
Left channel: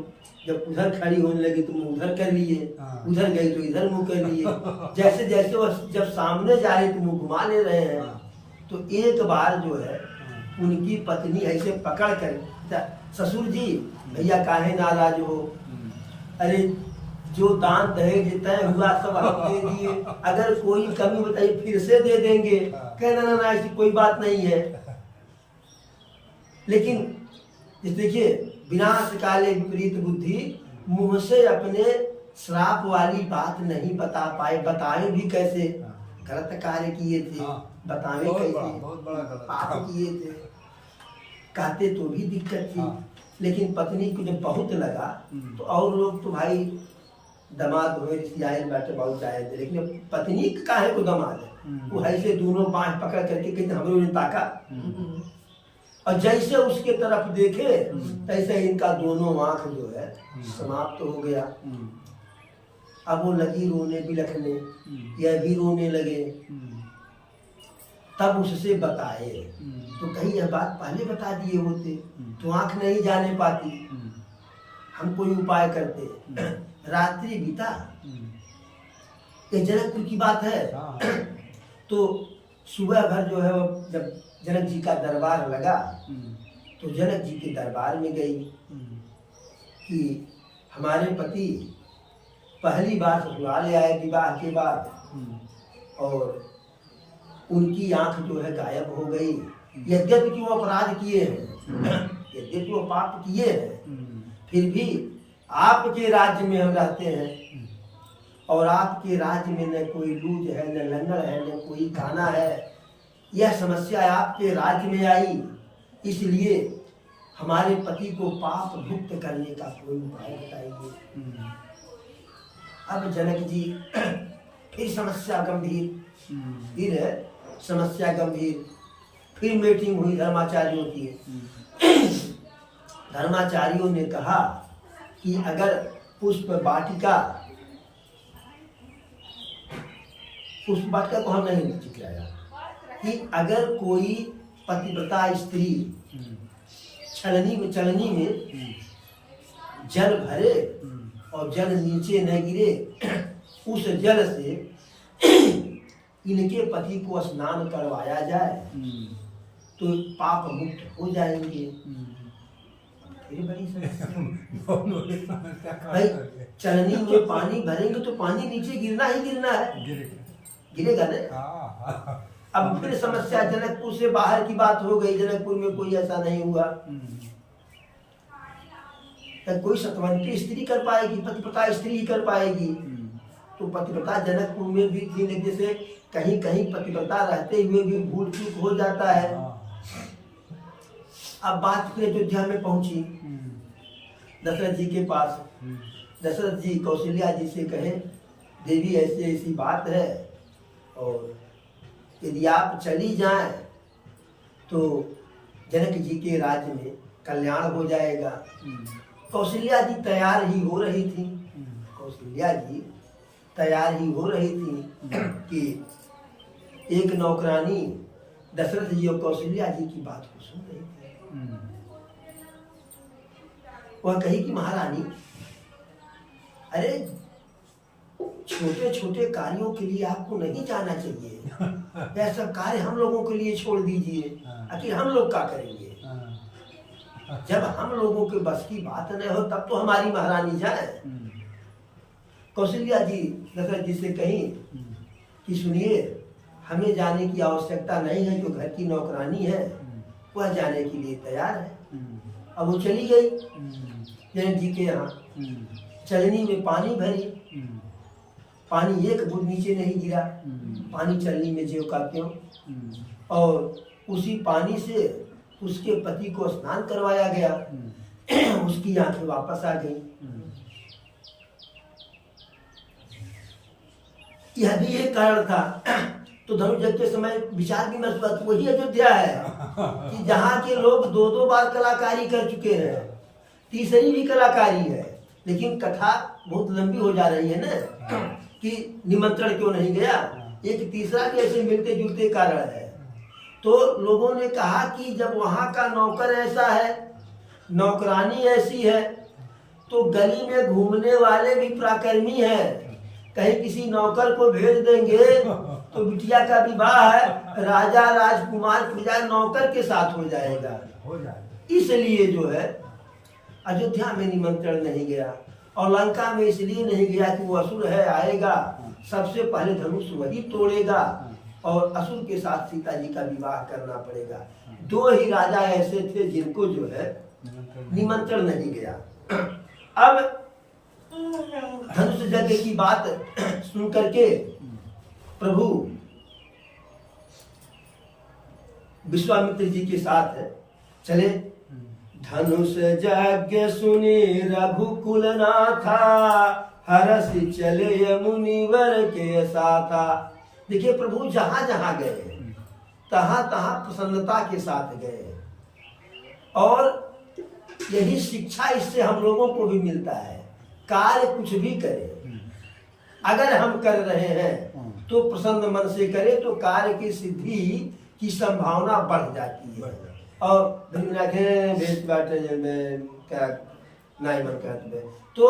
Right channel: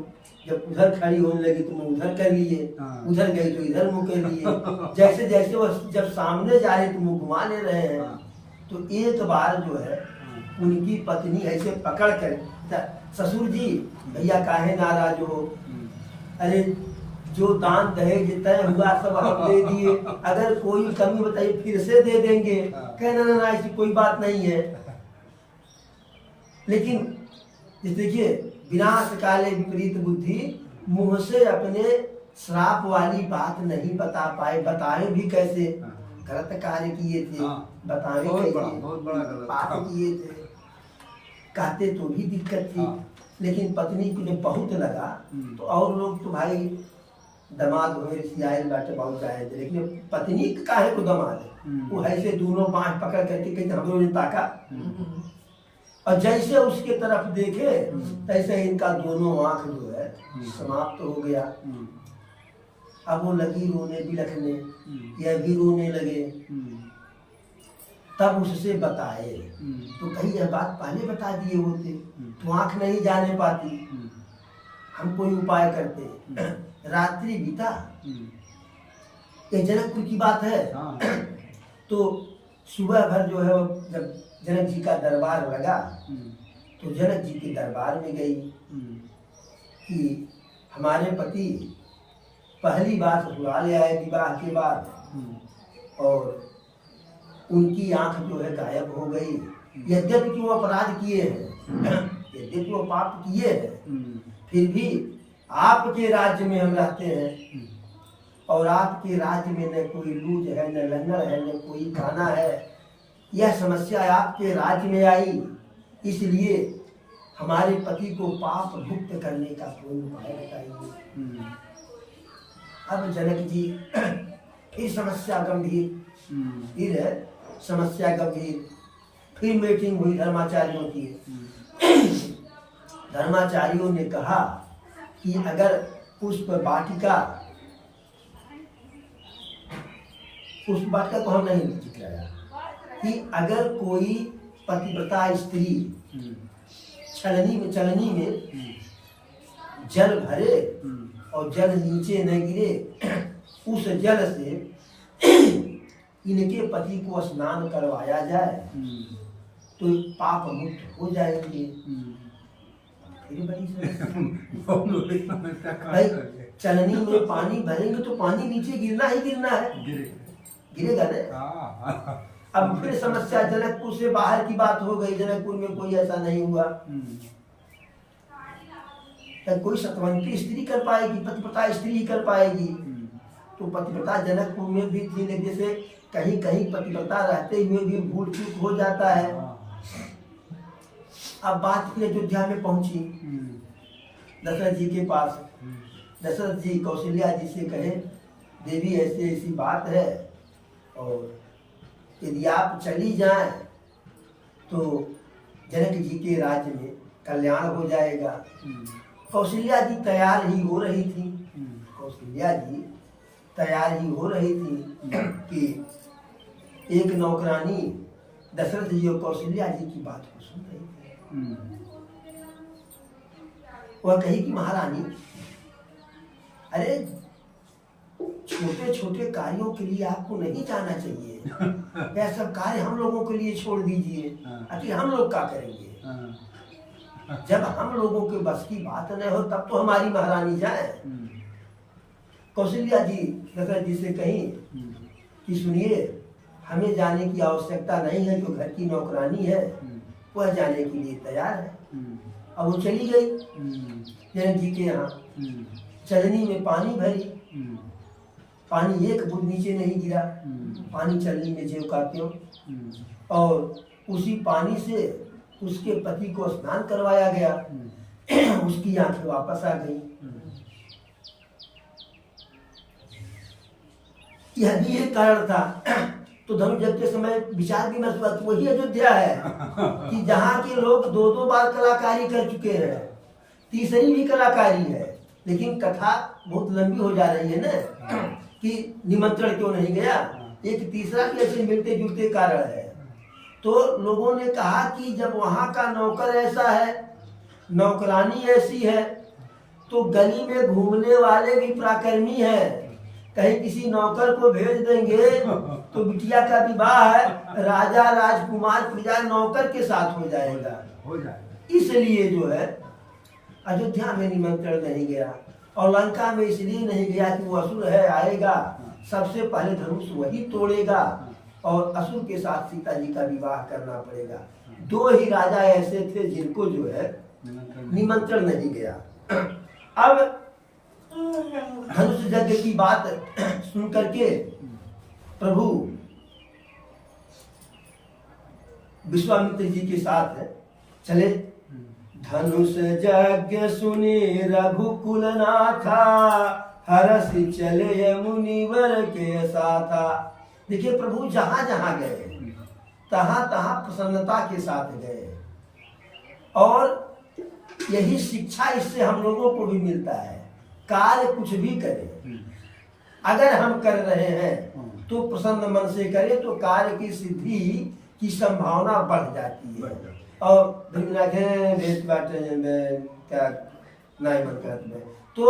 जब उधर खड़ी होने लगी तो मुँह उधर कर लिए, उधर गई तो इधर मुँह कर लिए। जैसे जैसे वह जब सामने जा रहे तो मुँह घुमा ले रहे हैं। तो एक बार जो है उनकी पत्नी ऐसे पकड़ कर, ससुर जी भैया काहे नाराज हो, अरे जो दान दहेज तय हुआ सब हम दे दिए, अगर कोई कमी बताइए फिर से दे देंगे। कहना ना ऐसी कोई बात नहीं है। लेकिन देखिए, विनाश काले विपरीत बुद्धि, मुंह से अपने श्राप वाली बात नहीं बता पाए। बताए भी कैसे, गलत कार्य किए थे, बतावे कैसे, पाप किए थे, कहते तो भी दिक्कत थी। लेकिन पत्नी को जब बहुत लगा तो और लोग तो भाई दमाद हो रिसियाल बाटे बहुत आए थे, लेकिन पत्नी काहे को दमाद है वो ऐसे दोनों बाँह पकड़ करके कहते हम लोग ने ताका, और जैसे उसके तरफ देखे तैसे इनका दोनों आंख जो है समाप्त हो गया। अब वो लगी रोने बिलखने, यह भी रोने लगे। तब उससे बताए तो कहीं यह बात पहले बता दिए होते तो आंख नहीं जाने पाती, हम कोई उपाय करते। रात्रि बीता, ये जनकपुर की बात है। तो सुबह भर जो है जब जनक जी का दरबार लगा तो जनक जी के दरबार में गई कि हमारे पति पहली बार ससुराल आए विवाह के बाद, और उनकी आंख जो है गायब हो गई। यद्यपि कि वो अपराध किए हैं, यद्यपि वो पाप किए हैं, फिर भी आपके राज्य में हम रहते हैं, और आपके राज्य में न कोई लूज है, न लंगड़ है, न कोई काना है। यह समस्या आपके राज्य में आई, इसलिए हमारे पति को पाप मुक्त करने का कोई उपाय बताइए। अब जनक जी फिर समस्या गंभीर, फिर है समस्या गंभीर। फिर मीटिंग हुई धर्माचार्यों की। धर्माचार्यों ने कहा कि अगर पुष्प वाटिका को हम नहीं चिकलाया कि अगर कोई पतिव्रता स्त्री चलनी में जल भरे और जल नीचे न गिरे, उस जल से इनके पति को स्नान करवाया जाए तो पाप मुक्त हो जाएंगे। फिर बड़ी समस्या भाई, चलनी में पानी भरेंगे तो पानी नीचे गिरना ही गिरना है, गिरेगा ना। अब फिर समस्या जनकपुर से बाहर की बात हो गई, जनकपुर में कोई ऐसा नहीं हुआ। कोई सतवंती स्त्री कर पाएगी, पतिव्रता स्त्री ही कर पाएगी। तो पतिव्रता जनकपुर में भी थी, लेकिन जैसे कहीं कहीं पतिव्रता रहते हुए भी भूल चूक हो जाता है। अब बात फिर अयोध्या में पहुंची दशरथ जी के पास। दशरथ जी कौशल्या जी से कहे देवी ऐसी ऐसी बात है, और यदि आप चली जाएं तो जनक जी के राज्य में कल्याण हो जाएगा। कौशल्या जी तैयार ही हो रही थी, कौशल्या जी तैयार ही हो रही थी कि एक नौकरानी दशरथ जी और कौशल्या जी की बात को सुन रही थी। वह कही कि महारानी, अरे छोटे छोटे कार्यों के लिए आपको नहीं जाना चाहिए, यह सब कार्य हम लोगों के लिए छोड़ दीजिए। आखिर हम लोग क्या करेंगे? जब हम लोगों के बस की बात न हो तब तो हमारी महारानी जाए। कौशल्या जी दशरथ जी से कही कि सुनिए, हमें जाने की आवश्यकता नहीं है, जो घर की नौकरानी है वह जाने के लिए तैयार है। अब वो चली गई जनक जी के यहाँ, चलनी में पानी भरी, पानी एक बूंद नीचे नहीं गिरा, पानी चलनी में ज्यों का त्यों, और उसी पानी से उसके पति को स्नान करवाया गया। उसकी आंखें वापस आ गई। यह भी एक कारण था। तो धनुष के समय विचार विमर्श हुआ कि वही अयोध्या है कि जहाँ के लोग दो दो बार कलाकारी कर चुके हैं, तीसरी भी कलाकारी है, लेकिन कथा बहुत लंबी हो जा रही है ना कि निमंत्रण क्यों नहीं गया। एक तीसरा भी ऐसे मिलते जुलते कारण है। तो लोगों ने कहा कि जब वहाँ का नौकर ऐसा है, नौकरानी ऐसी है, तो गली में घूमने वाले भी पराक्रमी हैं। कहीं किसी नौकर को भेज देंगे तो बिटिया का विवाह है राजा राजकुमार प्रजा नौकर के साथ हो जाएगा। इसलिए जो है अयोध्या में निमंत्रण नहीं गया, और लंका में इसलिए नहीं गया कि वो असुर है, आएगा सबसे पहले धनुष वही तोड़ेगा और असुर के साथ सीता जी का विवाह करना पड़ेगा। दो ही राजा ऐसे थे जिनको जो है निमंत्रण नहीं गया। अब धनुष यज्ञ की बात सुन करके प्रभु विश्वामित्र जी के साथ चले। धनुष यज्ञ सुनी रघुकुल नाथा, हरस चले मुनिवर के साथा। देखिए प्रभु जहां जहां गए तहां तहां प्रसन्नता के साथ गए, और यही शिक्षा इससे हम लोगों को भी मिलता है। कार्य कुछ भी करें, अगर हम कर रहे हैं तो प्रसन्न मन से करें तो कार्य की सिद्धि की संभावना बढ़ जाती है। और क्या नहीं मन कहते तो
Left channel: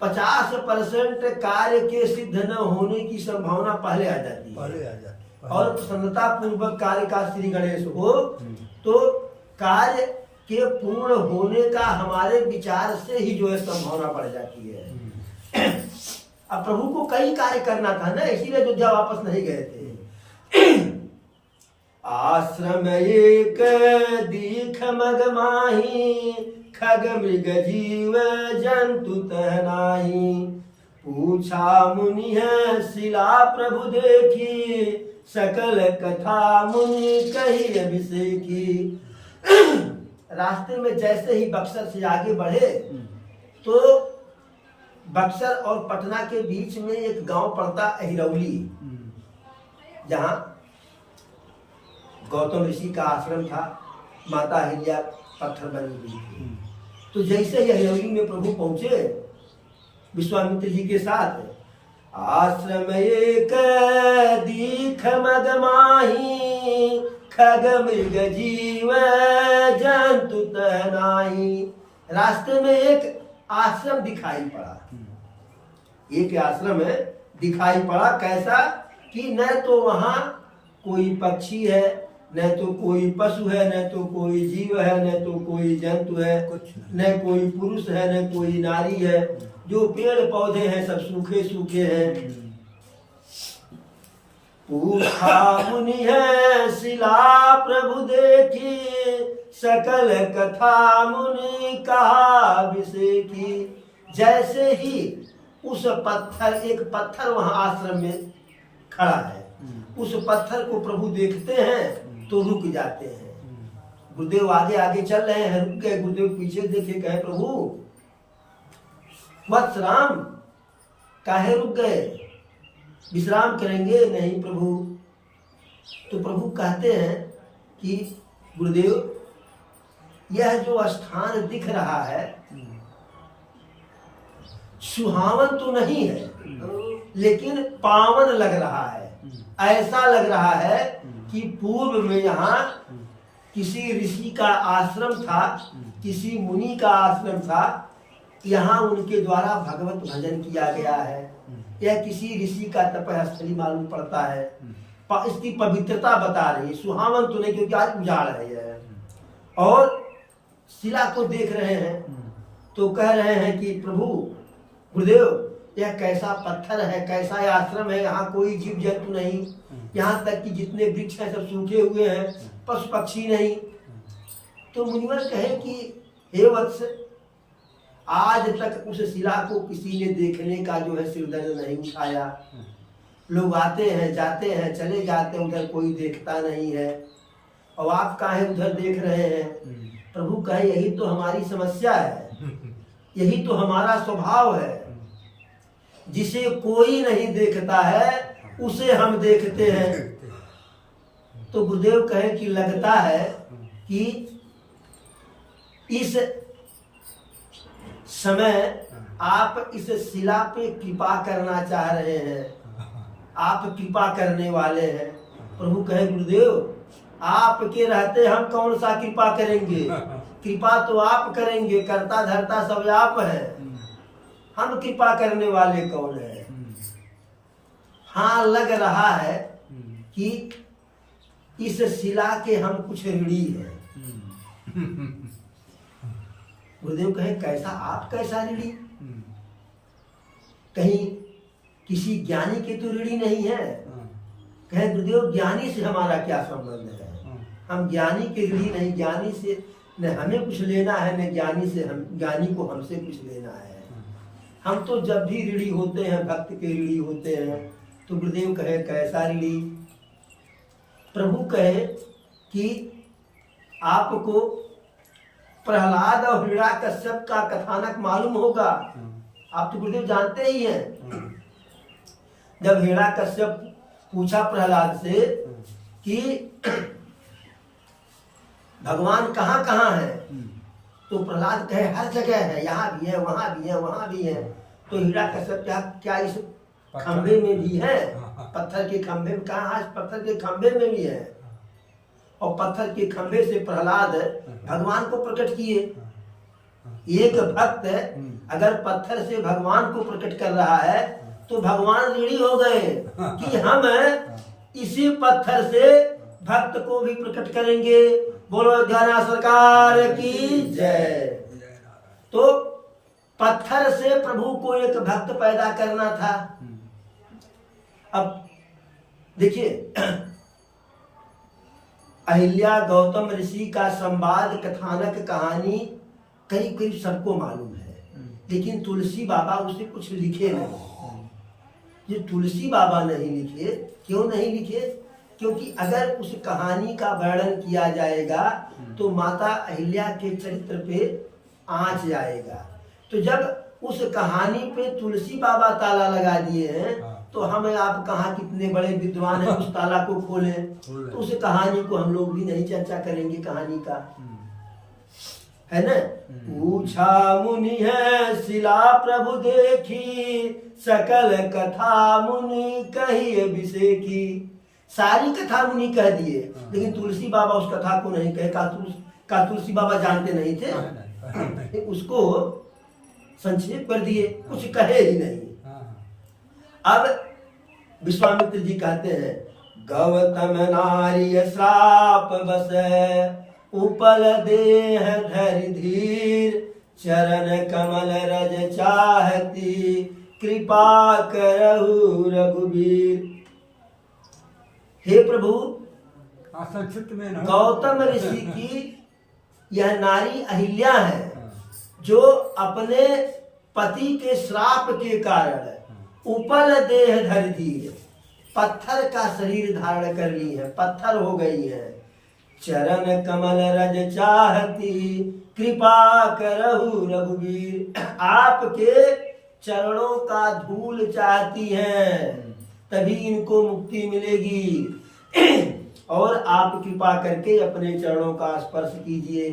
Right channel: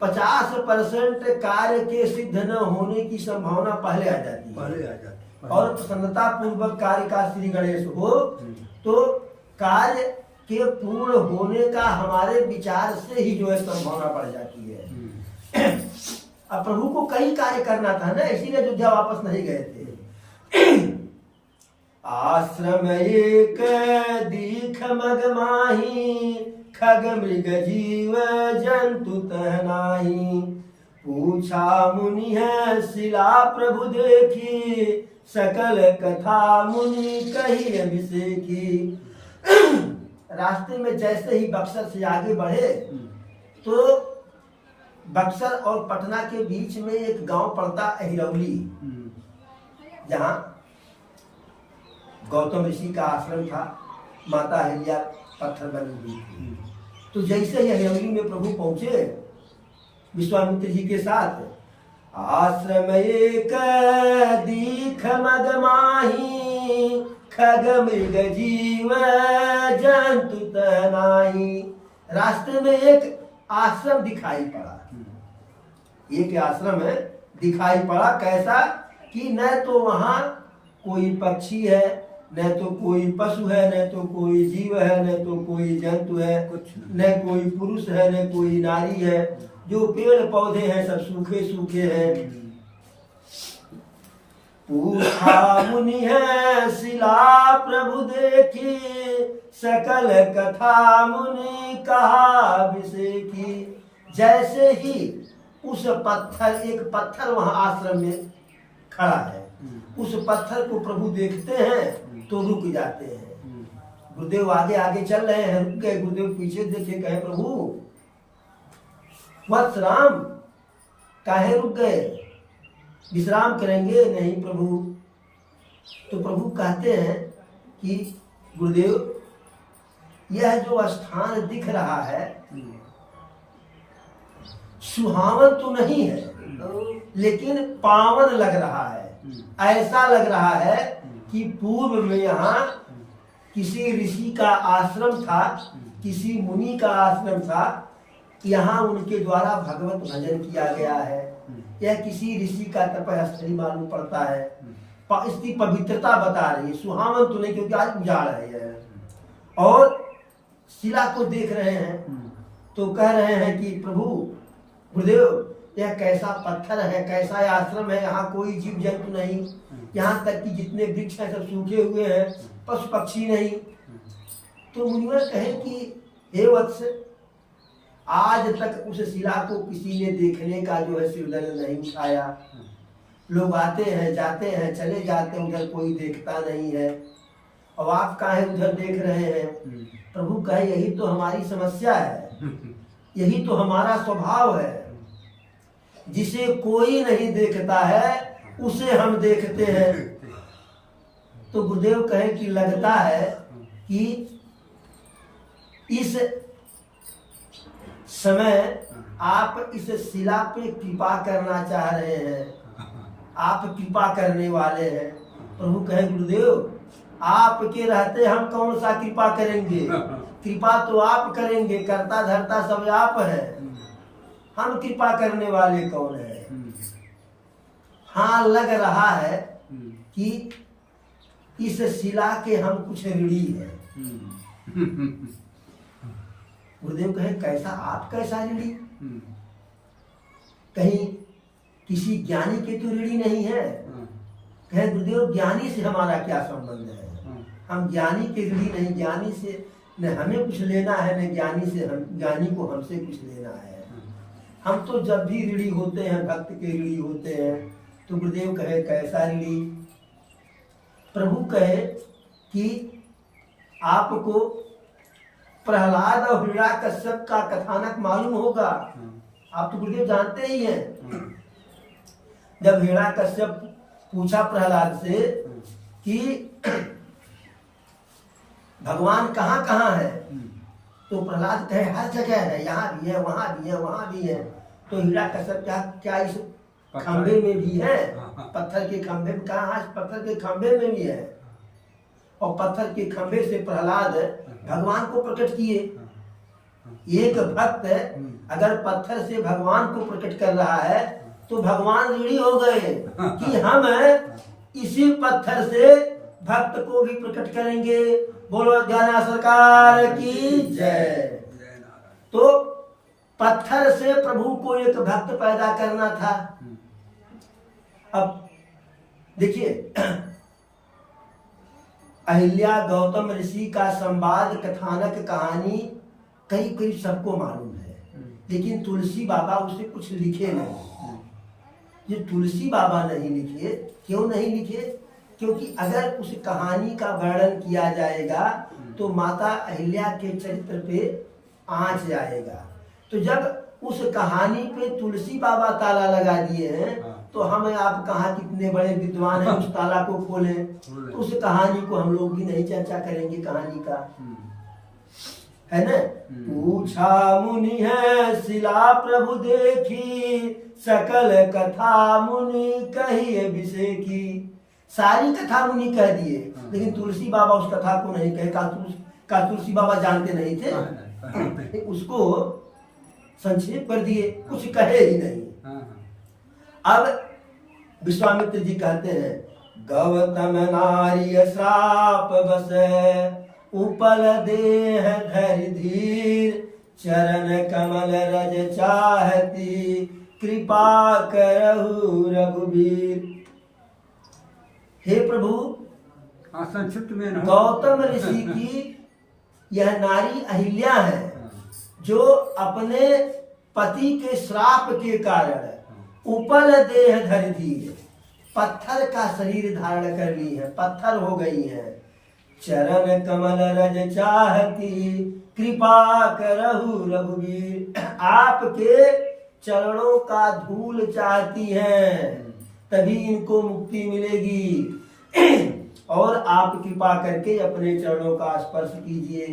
50% कार्य के सिद्ध न होने की संभावना पहले आ जाती है। और प्रसन्नता पूर्वक कार्य का श्री गणेश हो तो कार्य के पूर्ण होने का हमारे विचार से ही जो है संभावना बढ़ जाती है। अब प्रभु को कई कार्य करना था ना, इसीलिए अयोध्या वापस नहीं गए थे। आश्रम एक दीख मग माही, खग मृग जीव जंतु तहनाही। पूछा मुनि है शिला प्रभु देखी, सकल कथा मुनि कही अभिषेकी। रास्ते में जैसे ही बक्सर से आगे बढ़े तो बक्सर और पटना के बीच में एक गांव पड़ता अहिरौली, जहां गौतम ऋषि का आश्रम था, माता अहिल्या पत्थर बनी हुई थी। तो जैसे ही अहिरौली में प्रभु पहुंचे विश्वामित्र जी के साथ, आश्रम एक दीख मग माही, खग मृग जीव जंतु तहनाही। रास्ते में एक आश्रम दिखाई पड़ा, एक आश्रम दिखाई पड़ा। कैसा कि न तो वहां कोई पक्षी है, न तो कोई पशु है, न तो कोई जीव है, न तो कोई जंतु है, न कोई पुरुष है, न कोई नारी है। जो पेड़ पौधे हैं सब सूखे सूखे हैं। पूछा मुनि है शिला प्रभु देखी, सकल कथा मुनि कहा अभिषेकी। जैसे ही उस पत्थर, एक पत्थर वहां आश्रम में खड़ा है, उस पत्थर को प्रभु देखते हैं तो रुक जाते हैं। गुरुदेव आगे आगे चल रहे हैं, रुक गए। गुरुदेव पीछे देखे, कहे प्रभु वत्स राम काहे रुक गए, विश्राम करेंगे? नहीं प्रभु। तो प्रभु कहते हैं कि गुरुदेव यह जो स्थान दिख रहा है सुहावन तो नहीं है, लेकिन पावन लग रहा है। ऐसा लग रहा है कि पूर्व में यहाँ किसी ऋषि का आश्रम था, किसी मुनि का आश्रम था, यहाँ उनके द्वारा भगवत भजन किया गया है। यह किसी ऋषि का तपस्थली मालूम पड़ता है। इसकी पवित्रता बता रही है, सुहावन तो नहीं, क्योंकि आज उजाड़ है यह। और शिला को देख रहे हैं तो कह रहे हैं कि प्रभु गुरुदेव यह कैसा पत्थर है, कैसा यह आश्रम है, यहाँ कोई जीव जंतु नहीं, यहाँ तक कि जितने वृक्ष हैं सब सूखे हुए हैं, पशु पक्षी नहीं। तो मुनिवर कहे कि हे वत्स, आज तक उस शिला को किसी ने देखने का जो है सिरदर्द नहीं उठाया। लोग आते हैं जाते हैं चले जाते हैं, उधर कोई देखता नहीं है, और आप काहे उधर देख रहे हैं? प्रभु कहे यही तो हमारी समस्या है, यही तो हमारा स्वभाव है। जिसे कोई नहीं देखता है उसे हम देखते हैं। तो गुरुदेव कहे कि लगता है कि इस समय आप इस शिला पे कृपा करना चाह रहे हैं, आप कृपा करने वाले हैं। प्रभु कहे गुरुदेव आपके रहते हम कौन सा कृपा करेंगे, कृपा तो आप करेंगे, करता धरता सब आप है, हम कृपा करने वाले कौन है? हाँ लग रहा है कि इस शिला के हम कुछ ऋणी हैं। गुरुदेव कहे कैसा, आप कैसा ऋणी? कहीं किसी ज्ञानी के तो ऋणी नहीं है। कहे गुरुदेव ज्ञानी से हमारा क्या संबंध है, हम ज्ञानी के ऋणी नहीं, ज्ञानी से न हमें कुछ लेना है न ज्ञानी से हम, ज्ञानी को हमसे कुछ लेना है। हम तो जब भी ऋणी होते हैं भक्त के ऋणी होते हैं। तो गुरुदेव कहे कैसा ऋणी? प्रभु कहे कि आपको प्रहलाद और हिरण्याकश्यप का कथानक मालूम होगा। आप तो गुरुदेव जानते ही हैं। जब हिरण्यकश्यप पूछा प्रहलाद से कि भगवान कहाँ कहाँ है, तो प्रहलाद कहे हर जगह है, यहाँ भी है, वहां भी है, वहां भी है। तो हिरण्यकश्यप क्या इस खंभे में भी है? पत्थर के खंभे में कहा? हाँ, पत्थर के खंभे में भी है। और पत्थर के खंभे से प्रहलाद भगवान को प्रकट किए। एक भक्त अगर पत्थर से भगवान को प्रकट कर रहा है तो भगवान ऋणी हो गए कि हम इसी पत्थर से भक्त को भी प्रकट करेंगे। बोलो ज्ञाना सरकार की जय। तो पत्थर से प्रभु को एक भक्त पैदा करना था। अब देखिए, अहिल्या गौतम ऋषि का संवाद, कथानक, कहानी करीब करीब सबको मालूम है, लेकिन तुलसी बाबा उसे कुछ लिखे नहीं। ये तुलसी बाबा नहीं लिखे, क्यों नहीं लिखे? क्योंकि अगर उस कहानी का वर्णन किया जाएगा तो माता अहिल्या के चरित्र पे आंच जाएगा। तो जब उस कहानी पे तुलसी बाबा ताला लगा दिए हैं तो हम आप कहाँ कितने बड़े विद्वान हैं उस ताला को खोलें? तो उस कहानी को हम लोग भी नहीं चर्चा करेंगे, कहानी का, है ना। पूछा मुनि है शिला प्रभु देखी, सकल कथा मुनि कही विषय की। सारी कथा मुनि कह दिए, लेकिन तुलसी बाबा उस कथा को नहीं कहे। का तुलसी बाबा जानते नहीं थे? उसको संक्षेप कर दिए, कुछ कहे ही नहीं। अब विश्वामित्र जी कहते हैं, गौतम नारी श्राप बस, उपल देह धरि धीर, चरण कमल रज चाहती, कृपा करहु रघुवीर। हे प्रभु, संक्षिप्त में गौतम ऋषि की यह नारी अहिल्या है जो अपने पति के श्राप के कारण उपल देह धरि धीर, पत्थर का शरीर धारण कर ली है, पत्थर हो गई है। चरण कमल रज चाहती, कृपा करहु रघुवीर। आपके चरणों का धूल चाहती हैं, तभी इनको मुक्ति मिलेगी। और आप कृपा करके अपने चरणों का स्पर्श कीजिए।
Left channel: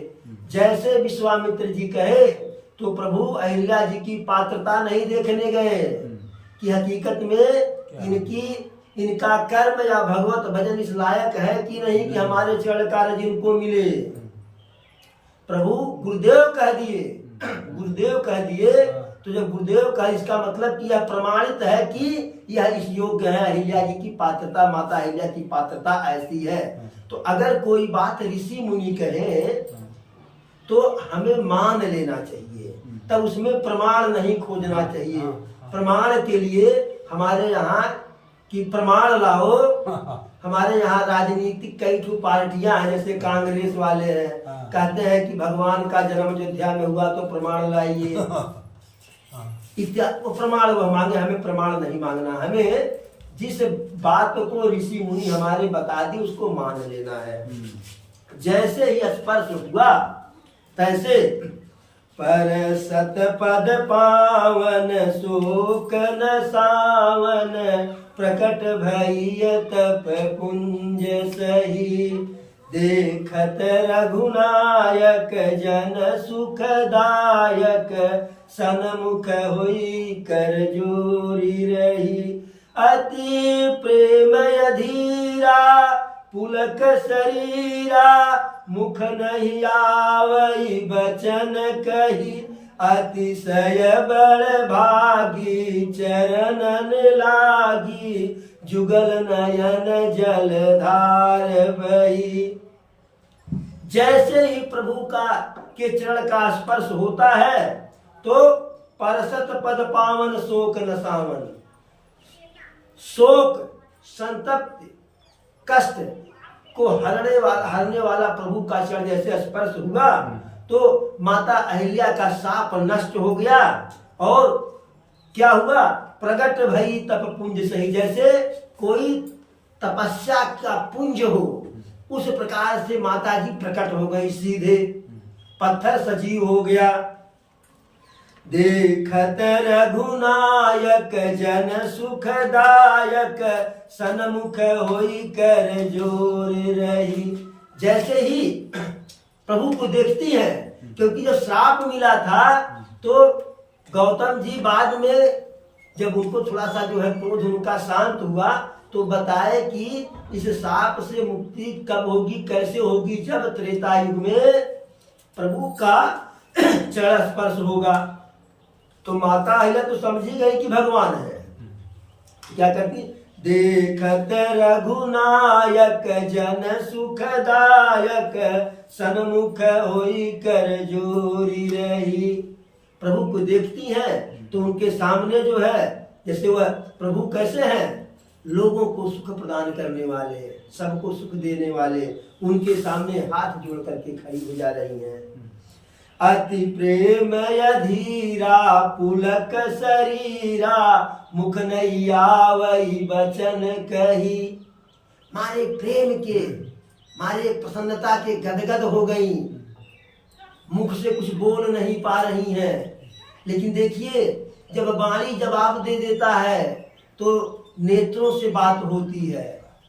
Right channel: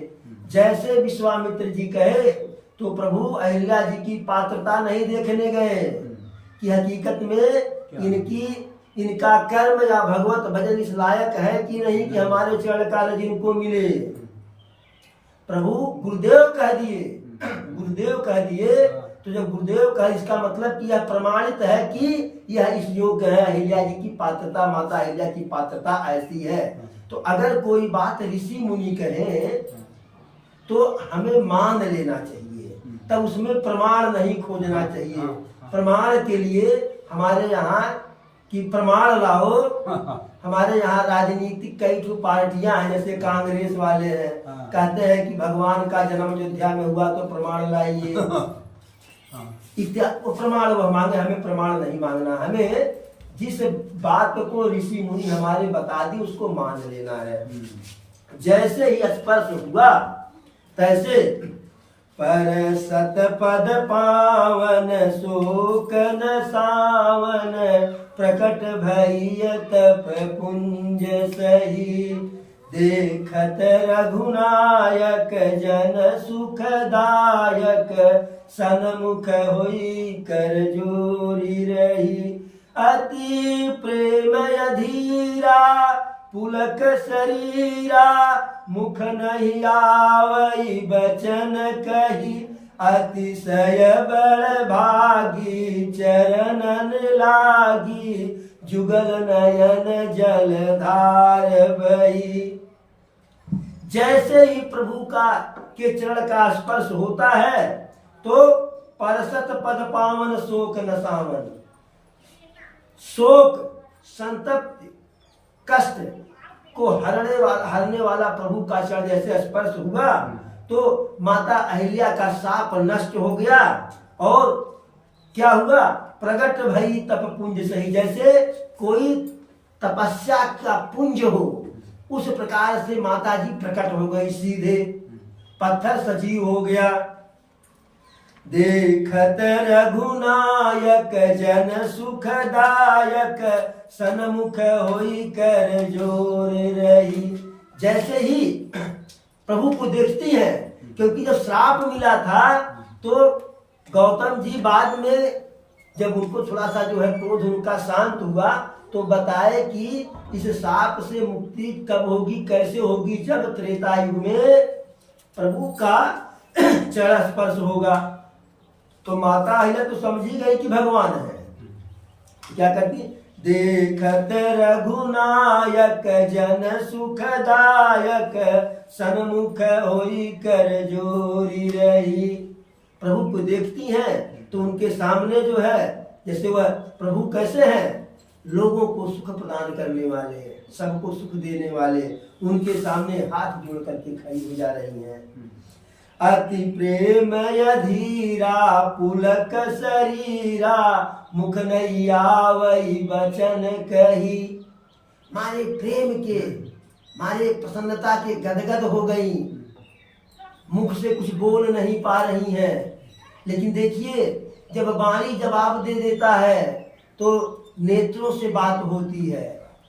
जैसे विश्वामित्र जी कहे तो प्रभु अहिल्या जी की पात्रता नहीं देखने गए कि हकीकत में इनका कर्म या भगवत भजन इस लायक है कि नहीं कि हमारे चरण का रज इनको मिले। प्रभु गुरुदेव कह दिए, गुरुदेव कह दिए। तो जब गुरुदेव का, इसका मतलब कि यह प्रमाणित है कि यह इस योग्य है। अहिल्या जी की पात्रता, माता अहिल्या की पात्रता ऐसी है। तो अगर कोई बात ऋषि मुनि कहे तो हमें मान लेना चाहिए, तब उसमें प्रमाण नहीं खोजना चाहिए। प्रमाण के लिए हमारे यहाँ की प्रमाण लाओ। हमारे यहाँ राजनीतिक कई ठो पार्टियां हैं, जैसे कांग्रेस वाले हैं, कहते हैं कि भगवान का जन्म अयोध्या में हुआ तो प्रमाण लाइए इत्यादि। प्रमाण वह मांगे, हमें प्रमाण नहीं मांगना। हमें जिस बात को ऋषि मुनि हमारे बता दी उसको मान लेना है। जैसे ही स्पर्श हुआ तैसे पर सतपद पावन शोक न सावन, प्रकट भई तप पुंज सही, देखत रघुनायक जन सुखदायक, सनमुख होई कर जोरी रही, अति प्रेम अधीरा पुलक शरीरा, मुख नहीं आवई बचन कही, अतिशय बड़ भागी चरणन लागी, जुगल नयन जलधार बही। जैसे ही प्रभु के चरण का स्पर्श होता है तो परसत पद पावन शोक न सावन, शोक, संतप्ति, कष्ट को हरने वाला प्रभु का चरण जैसे स्पर्श हुआ तो माता अहिल्या का शाप नष्ट हो गया। और क्या हुआ? प्रगट भई तप पुंज सही, जैसे कोई तपस्या का पुंज हो उस प्रकार से माता जी प्रकट हो गई, सीधे पत्थर सजीव हो गया। देखत रघुनायक जन सुखदायक सन्मुख होई कर जोर रही। जैसे ही प्रभु को देखती हैं, क्योंकि जब श्राप मिला था तो गौतम जी बाद में जब उनको थोड़ा सा जो है क्रोध उनका शांत हुआ तो बताए कि इस श्राप से मुक्ति कब होगी, कैसे होगी, जब त्रेता युग में प्रभु का चरण स्पर्श होगा। तो माता अहिल्या तो समझ ही गई कि भगवान है। क्या करती, देखत रघुनायक जन सुखदायक सन्मुख होई कर जोरी रही। प्रभु को देखती हैं तो उनके सामने जो है, जैसे वह प्रभु कैसे हैं, लोगों को सुख प्रदान करने वाले, सबको सुख देने वाले, उनके सामने हाथ जोड़ करके खड़ी हो जा रही हैं। अति प्रेम धीरा पुलक शरीरा मुख नैया वही बचन कही। मारे प्रेम के, मारे प्रसन्नता के गदगद हो गई, मुख से कुछ बोल नहीं पा रही हैं। लेकिन देखिए जब वाणी जवाब दे देता है तो नेत्रों से बात होती है।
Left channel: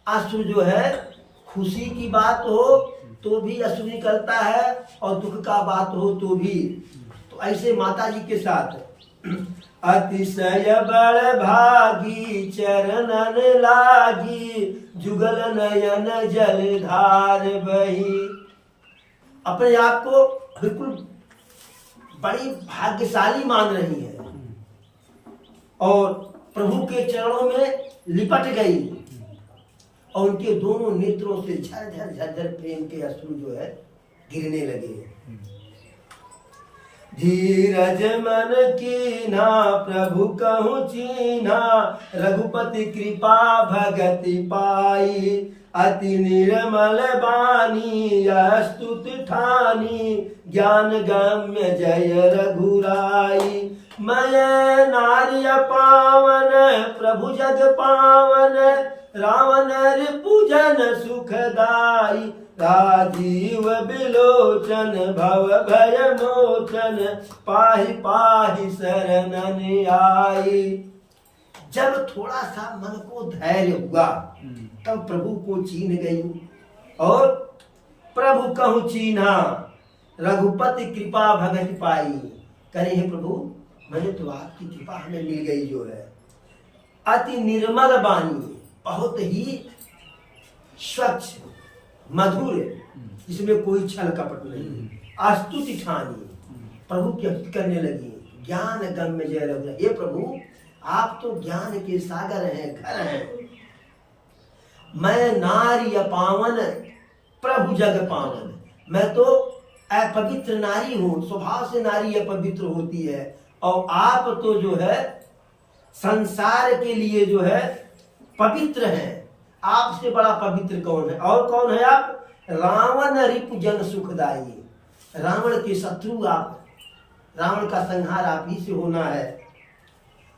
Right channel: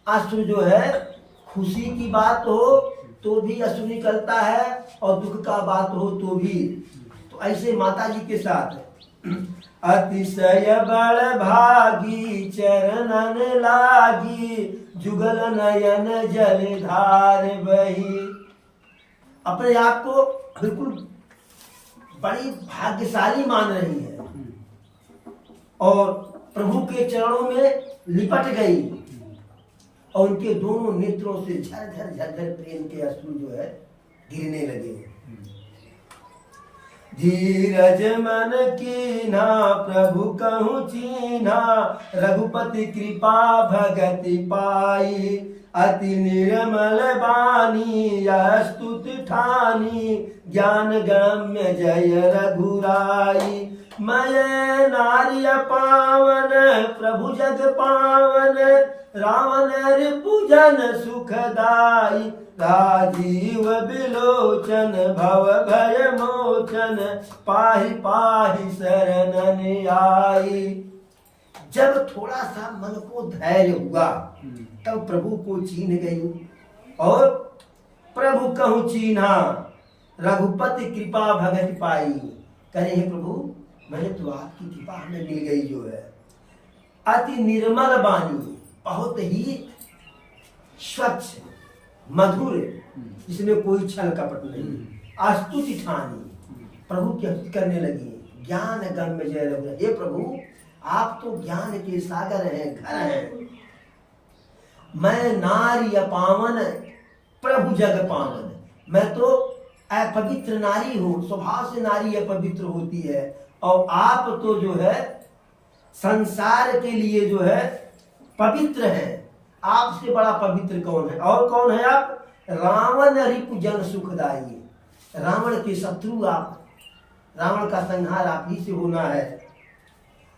अश्रु जो है, खुशी की बात हो तो भी अश्रु निकलता है और दुख का बात हो तो भी। तो ऐसे माता जी के साथ अतिशय बड़ भागी चरणन लागी जुगल नयन जलधार बही। अपने आप को बिल्कुल बड़ी भाग्यशाली मान रही है और प्रभु के चरणों में लिपट गई और उनके दोनों नेत्रों से झरझर झरझर प्रेम के अश्रु जो है गिरने लगे। धीरज मन कीन्हा प्रभु कहूँ चीन्हा रघुपति कृपा भगति पाई। अति निर्मल बानी यह स्तुति ठानी ज्ञान गम्य जय रघुराई। मैं नारी पावन प्रभु जग पावन रावण रिपुजन सुखदाई। राजीव बिलोचन भव भय मोचन पाहि पाहि शरणन आई। जब थोड़ा सा मन को धैर्य हुआ तब प्रभु को चीन्ह गई और प्रभु कहूँ चीन्हा रघुपति कृपा भगत पाई। करे हे प्रभु, मैंने तो आपकी कृपा हमें मिल गई जो है। अति निर्मल वाणी, बहुत ही स्वच्छ मधुर, जिसमें कोई छल कपट नहीं। स्तुति ठानी, प्रभु की स्तुति करने लगी। ज्ञान गम्य जय रघुराई। हे प्रभु, आप तो ज्ञान के सागर हैं, घर हैं। मैं नारी पावन प्रभु जग पावन। मैं तो अपवित्र नारी हूँ, स्वभाव से नारी अपवित्र होती है और आप तो जो है संसार के लिए जो है पवित्र हैं। आपसे बड़ा पवित्र कौन है? और कौन है आप? रावण रिपु जन सुखदाई। रावण के शत्रु आप, रावण का संहार आप ही से होना है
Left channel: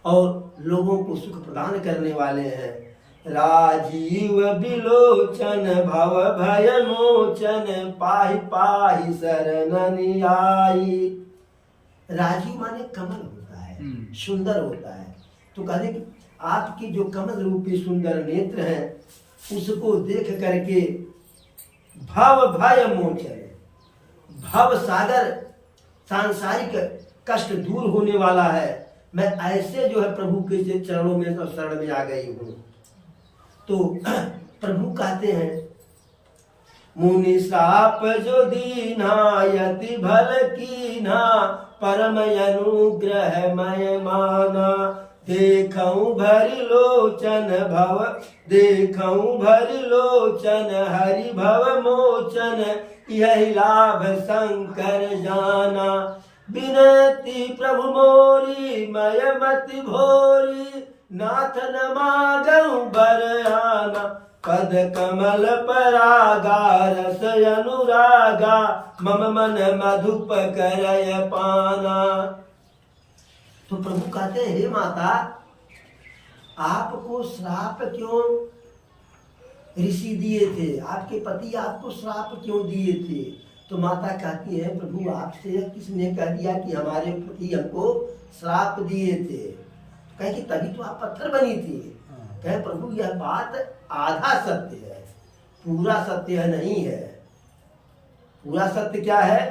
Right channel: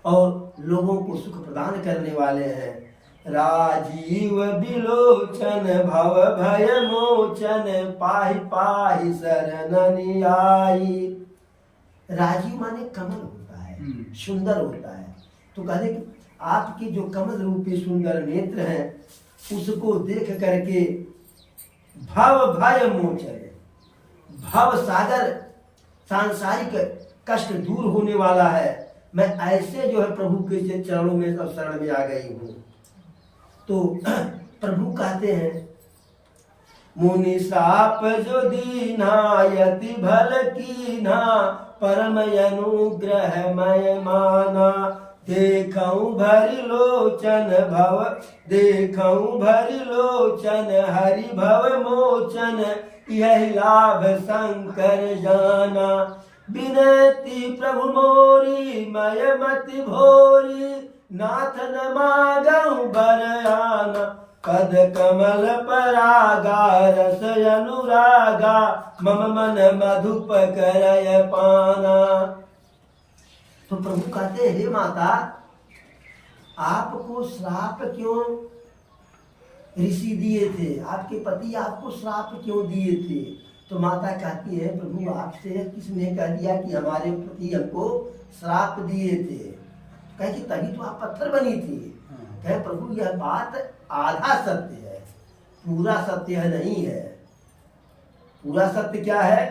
और लोगों को सुख प्रदान करने वाले हैं। राजीव बिलोचन भव भय मोचन पाहि पाहि शरणन आई। राजीव माने कमल होता है, सुंदर होता है। तो कहते कि आपकी जो कमल रूपी सुंदर नेत्र हैं उसको देख करके भव भय मोचन, भव सागर सांसारिक कष्ट दूर होने वाला है। मैं ऐसे जो है प्रभु के चरणों में शरण में आ गई हूँ। तो प्रभु कहते हैं मुनि साप जो दीना यति भल कीना परम अनुग्रह मय माना। देखऊं भरि लोचन भव, देखऊं भरि लोचन हरि भव मोचन यही लाभ शंकर जाना। बिनती प्रभु मोरी मय मति भोरी नाथ न मागऊं बरयाना। पद कमल परागा रस अनुरागा मम मन मधुप करय पाना। तो प्रभु कहते हैं हे माता, आपको श्राप क्यों ऋषि दिए थे? आपके पति आपको श्राप क्यों दिए थे? तो माता कहती है प्रभु आपसे किसने कह दिया कि हमारे पति हमको श्राप दिए थे? कहे कि तभी तो आप पत्थर बनी थी। कहे प्रभु यह बात आधा सत्य है, पूरा सत्य नहीं है। पूरा सत्य क्या है?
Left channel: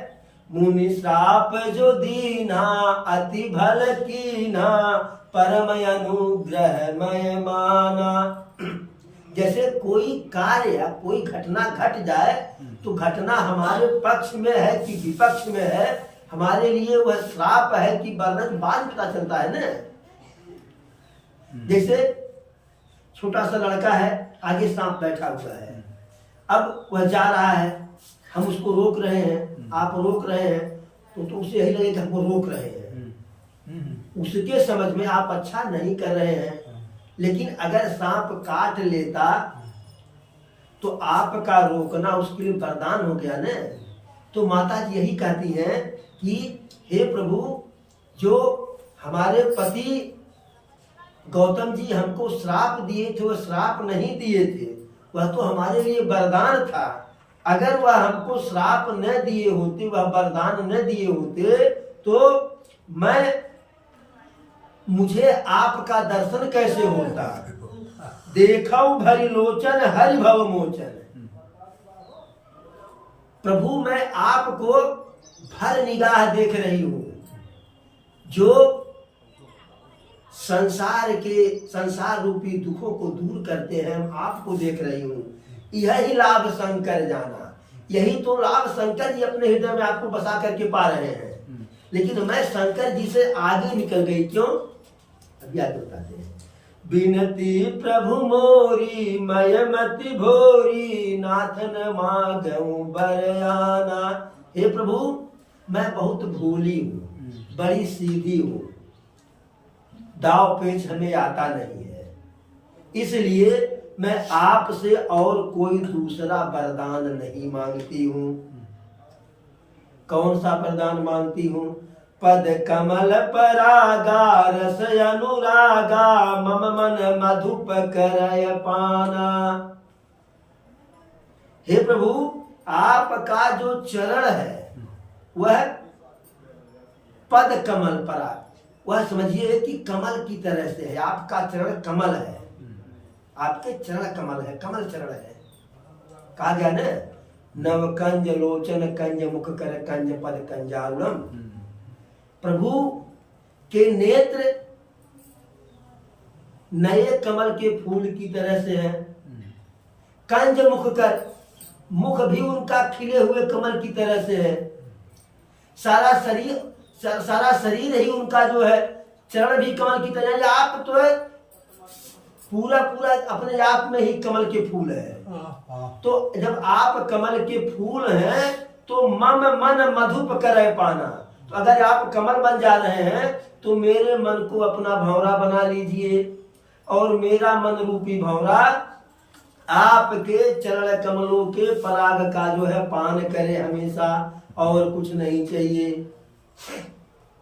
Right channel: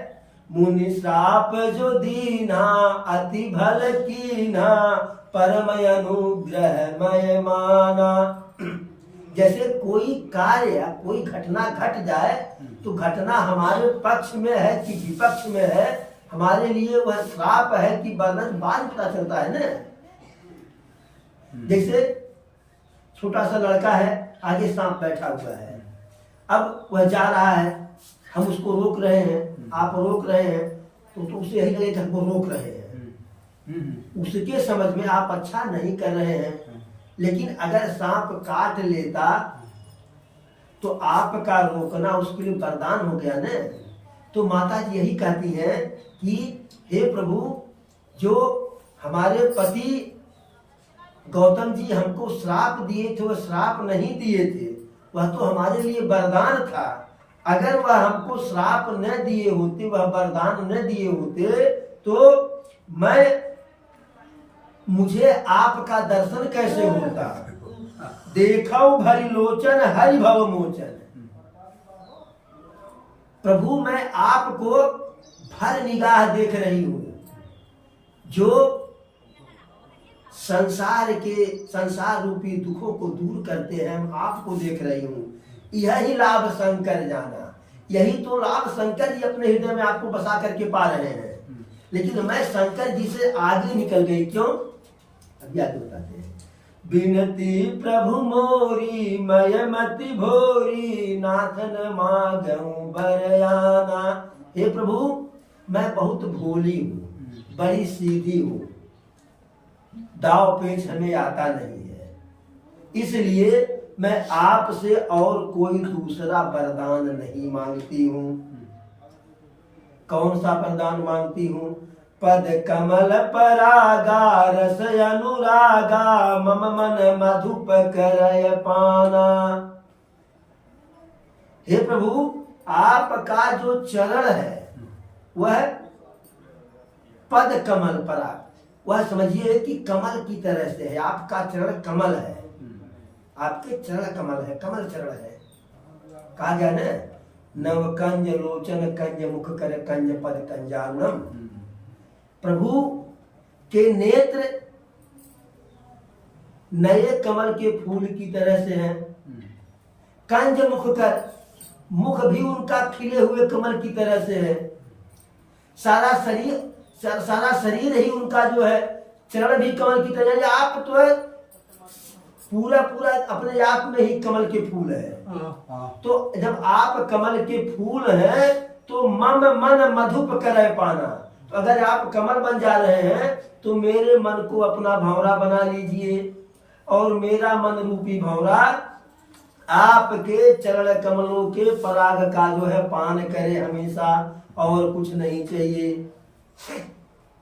मुनि श्राप जो दीना अति भल कीना परम अनुग्रह मय माना। जैसे कोई कार्य या कोई घटना घट जाए तो घटना हमारे पक्ष में है कि विपक्ष में है, हमारे लिए वह श्राप है कि वरदान बाद पता चलता है ना। जैसे छोटा सा लड़का है, आगे सांप बैठा हुआ है, अब वह जा रहा है, हम उसको रोक रहे हैं, आप रोक रहे हैं, तो उसे यही लगेगा हमको रोक रहे हैं। उसके समझ में आप अच्छा नहीं कर रहे हैं। लेकिन अगर सांप काट लेता तो आपका रोकना उसके लिए वरदान हो गया ना। तो माता जी यही कहती हैं कि हे प्रभु, जो हमारे पति गौतम जी हमको श्राप दिए थे, वह श्राप नहीं दिए थे, वह तो हमारे लिए वरदान था। अगर वह हमको श्राप न दिए होते, वह वरदान न दिए होते, तो मुझे आपका दर्शन कैसे होता? देखो भरी लोचन हरि भव मोचन। प्रभु मैं आपको भर निगाह देख रही हूं। जो संसार रूपी दुखों को दूर करते हैं, हम आपको देख रही हूं। यही लाभ शंकर जाना, यही तो लाभ शंकर जी अपने हृदय में आपको बसा करके पा रहे हैं। लेकिन मैं शंकर जी से आगे निकल गई। क्यों? अभी आगे बताते हैं। बिनती प्रभु मोरी मय मति भोरी नाथन मांगू बरयाना। हे प्रभु मैं बहुत भोली हूँ, बड़ी सीधी हूँ, दाव पेच हमें आता नहीं है, इसलिए मैं आपसे और कोई दूसरा वरदान नहीं मांगती हूँ। कौन सा वरदान मांगती हूँ? पद कमल परागा रस अनुरागा मम मन मधुप करय पाना। हे प्रभु आपका जो चरण है वह पद कमल पराग, वह समझिए कि कमल की तरह से है। आपका चरण कमल है, आपके चरण कमल है, कमल चरण है। कहा गया ना, नव कंज लोचन कंज मुख कर कंज पद कंजारुणम। प्रभु के नेत्र नए कमल के फूल की तरह से हैं। कंज मुख कर, मुख भी उनका खिले हुए कमल की तरह से है। सारा शरीर ही उनका जो है, चरण भी कमल की तरह है। आप तो है पूरा अपने आप में ही कमल के फूल है। तो जब आप कमल के फूल हैं तो मम मन मधुप करे पाना। तो अगर आप कमल बन जा रहे हैं तो मेरे मन को अपना भंवरा बना लीजिए, और मेरा मन रूपी भंवरा आपके चरण कमलों के पराग का जो है पान करे हमेशा, और कुछ नहीं चाहिए।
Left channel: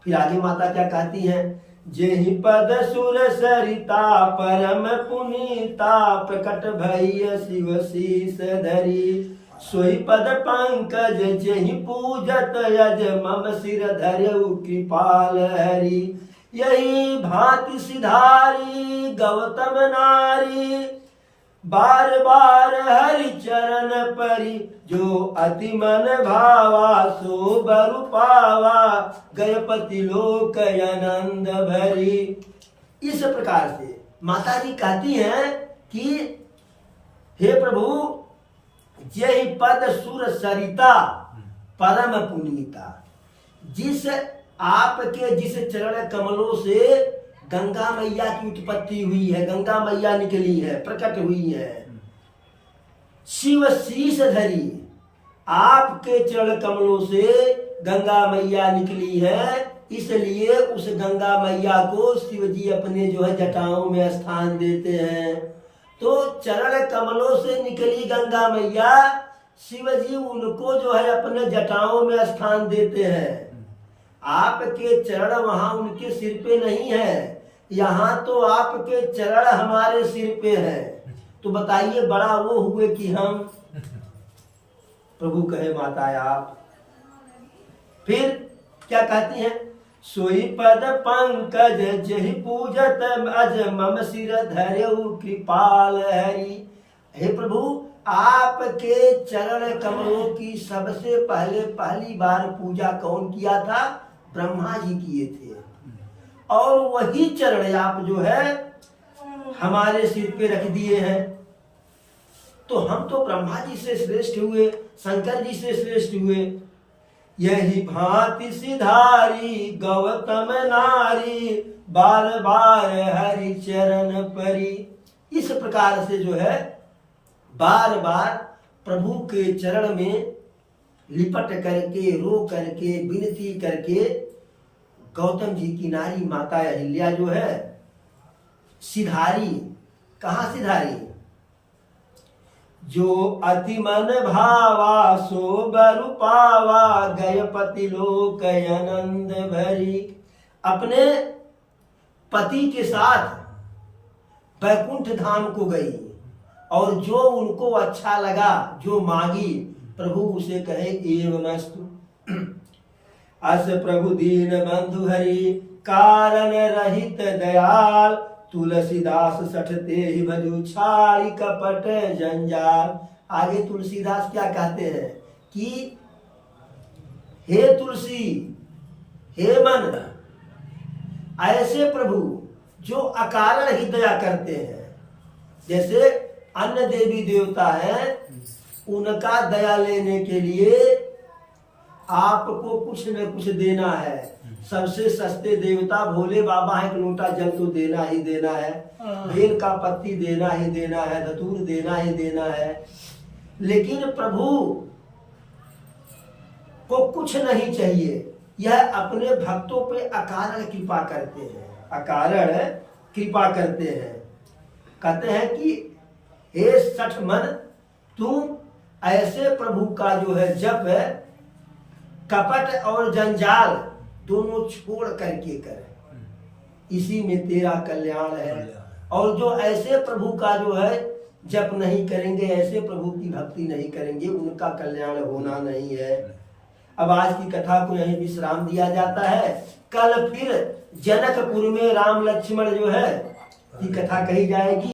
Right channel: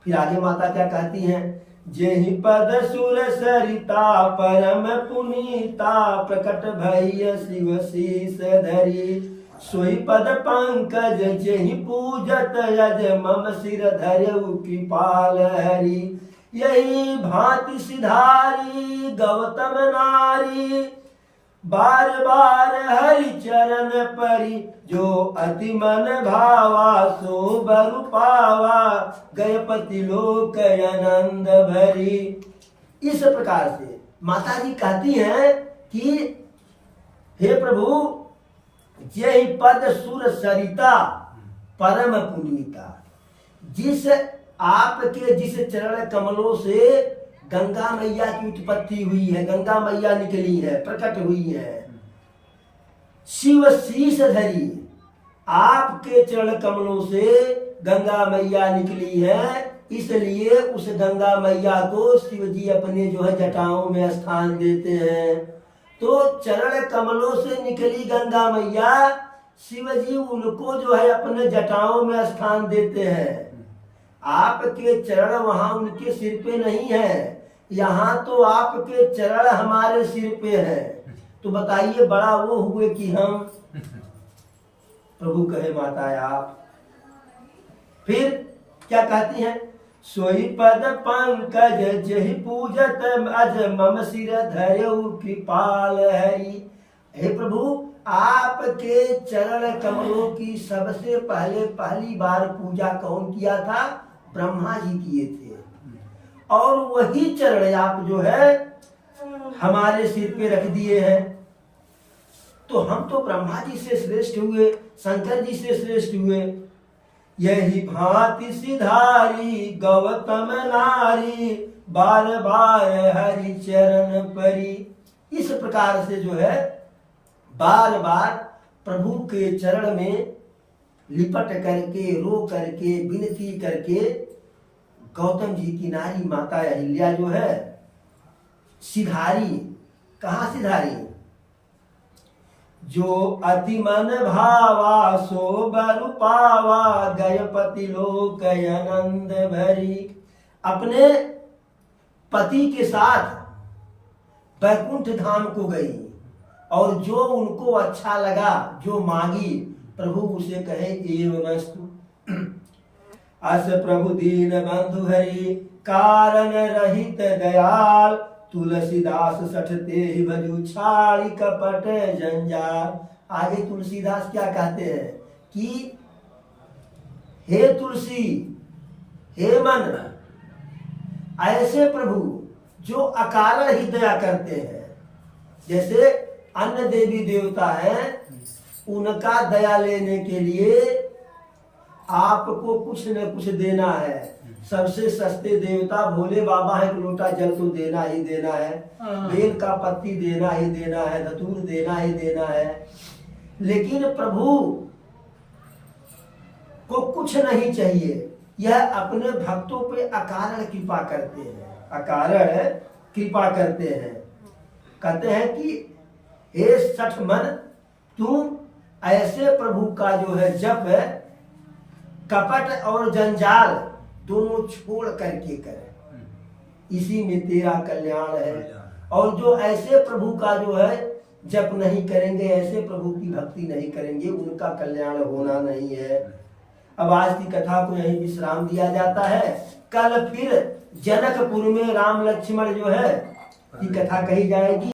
फिर आगे माता क्या कहती हैं? जेहि पद सुर सरिता परम पुनीता प्रकट भय शिव शीस धरी। सोई पद पंकज जेहि पूजत यज मम सिर धरऊ कृपाल हरि। यही भांति सिधारी गौतम नारी बार बार हरि चरण परी। जो अति मन भावा सो बरु पावा गयपति लोक आनंद भरी। इस प्रकार से माता जी कहती हैं कि हे प्रभु, जय पद सुर सरिता परम पुनीता। जिस चरण कमलों से गंगा मैया की उत्पत्ति हुई है, गंगा मैया निकली है, प्रकट हुई है। शिव शीस धरी, आपके चरण कमलों से गंगा मैया निकली है, इसलिए उस गंगा मैया को शिव जी अपने जो है जटाओं में स्थान देते हैं। तो चरण कमलों से निकली गंगा मैया, शिव जी उनको जो है अपने जटाओं में स्थान देते हैं। आपके चरण वहां उनके सिर पे नहीं है, यहाँ तो आपके चरण हमारे सिर पे है। तो बताइए बड़ा वो हुए कि हम। प्रभु कहे माता आप फिर क्या कहती हैं, सोई पद पंकज जहि पूजत अज मम सिर धर्यउ कृपाल हरि। हे प्रभु, आपके चरण कमलों की सबसे पहले पहली बार पूजा कौन किया था? ब्रह्मा जी किए थे। और वही चरण आप जो है हमारे सिर पे रख दिए हैं। तो हम तो ब्रह्मा जी से श्रेष्ठ हुए, शंकर जी से श्रेष्ठ हुए। यही भांति सिधारी गौतम नारी, बार बार हरि चरण परी। इस प्रकार से जो है बार बार प्रभु के चरण में लिपट करके, रो करके, विनती करके गौतम जी की नारी माता अहिल्या जो है सिधारी। कहाँ सिधारी? जो अति मन भावा सो बरु पावा, गय पति लोक आनंद भरी। अपने पति के साथ बैकुंठ धाम को गई और जो उनको अच्छा लगा, जो मांगी, प्रभु उसे कहे एवमस्तु। अस प्रभु दीन बंधु हरि, कारण रहित दयाल, तुलसीदास सठते ही भजू छाड़ी कपट जंजाल। आगे तुलसीदास क्या कहते हैं कि हे तुलसी, हे मन, ऐसे प्रभु जो अकारण ही दया करते हैं। जैसे अन्य देवी देवता हैं, उनका दया लेने के लिए आपको कुछ न कुछ देना है। सबसे सस्ते देवता भोले बाबा है, एक लोटा जल तो देना ही देना है, बेल का पत्ती देना ही देना है, धतूर देना ही देना है। लेकिन प्रभु को कुछ नहीं चाहिए, यह अपने भक्तों पे अकारण कृपा करते हैं, अकारण कृपा करते हैं। कहते हैं कि हे सठ मन, तुम ऐसे प्रभु का जो है जप कपट और जंजाल दोनों छोड़ करके करे, इसी में तेरा कल्याण है। और जो ऐसे प्रभु का जो है जप नहीं करेंगे, ऐसे प्रभु की भक्ति नहीं करेंगे, उनका कल्याण होना नहीं है। अब आज की कथा को यहीं विश्राम दिया जाता है। कल फिर जनकपुर में राम लक्ष्मण जो है की कथा कही जाएगी।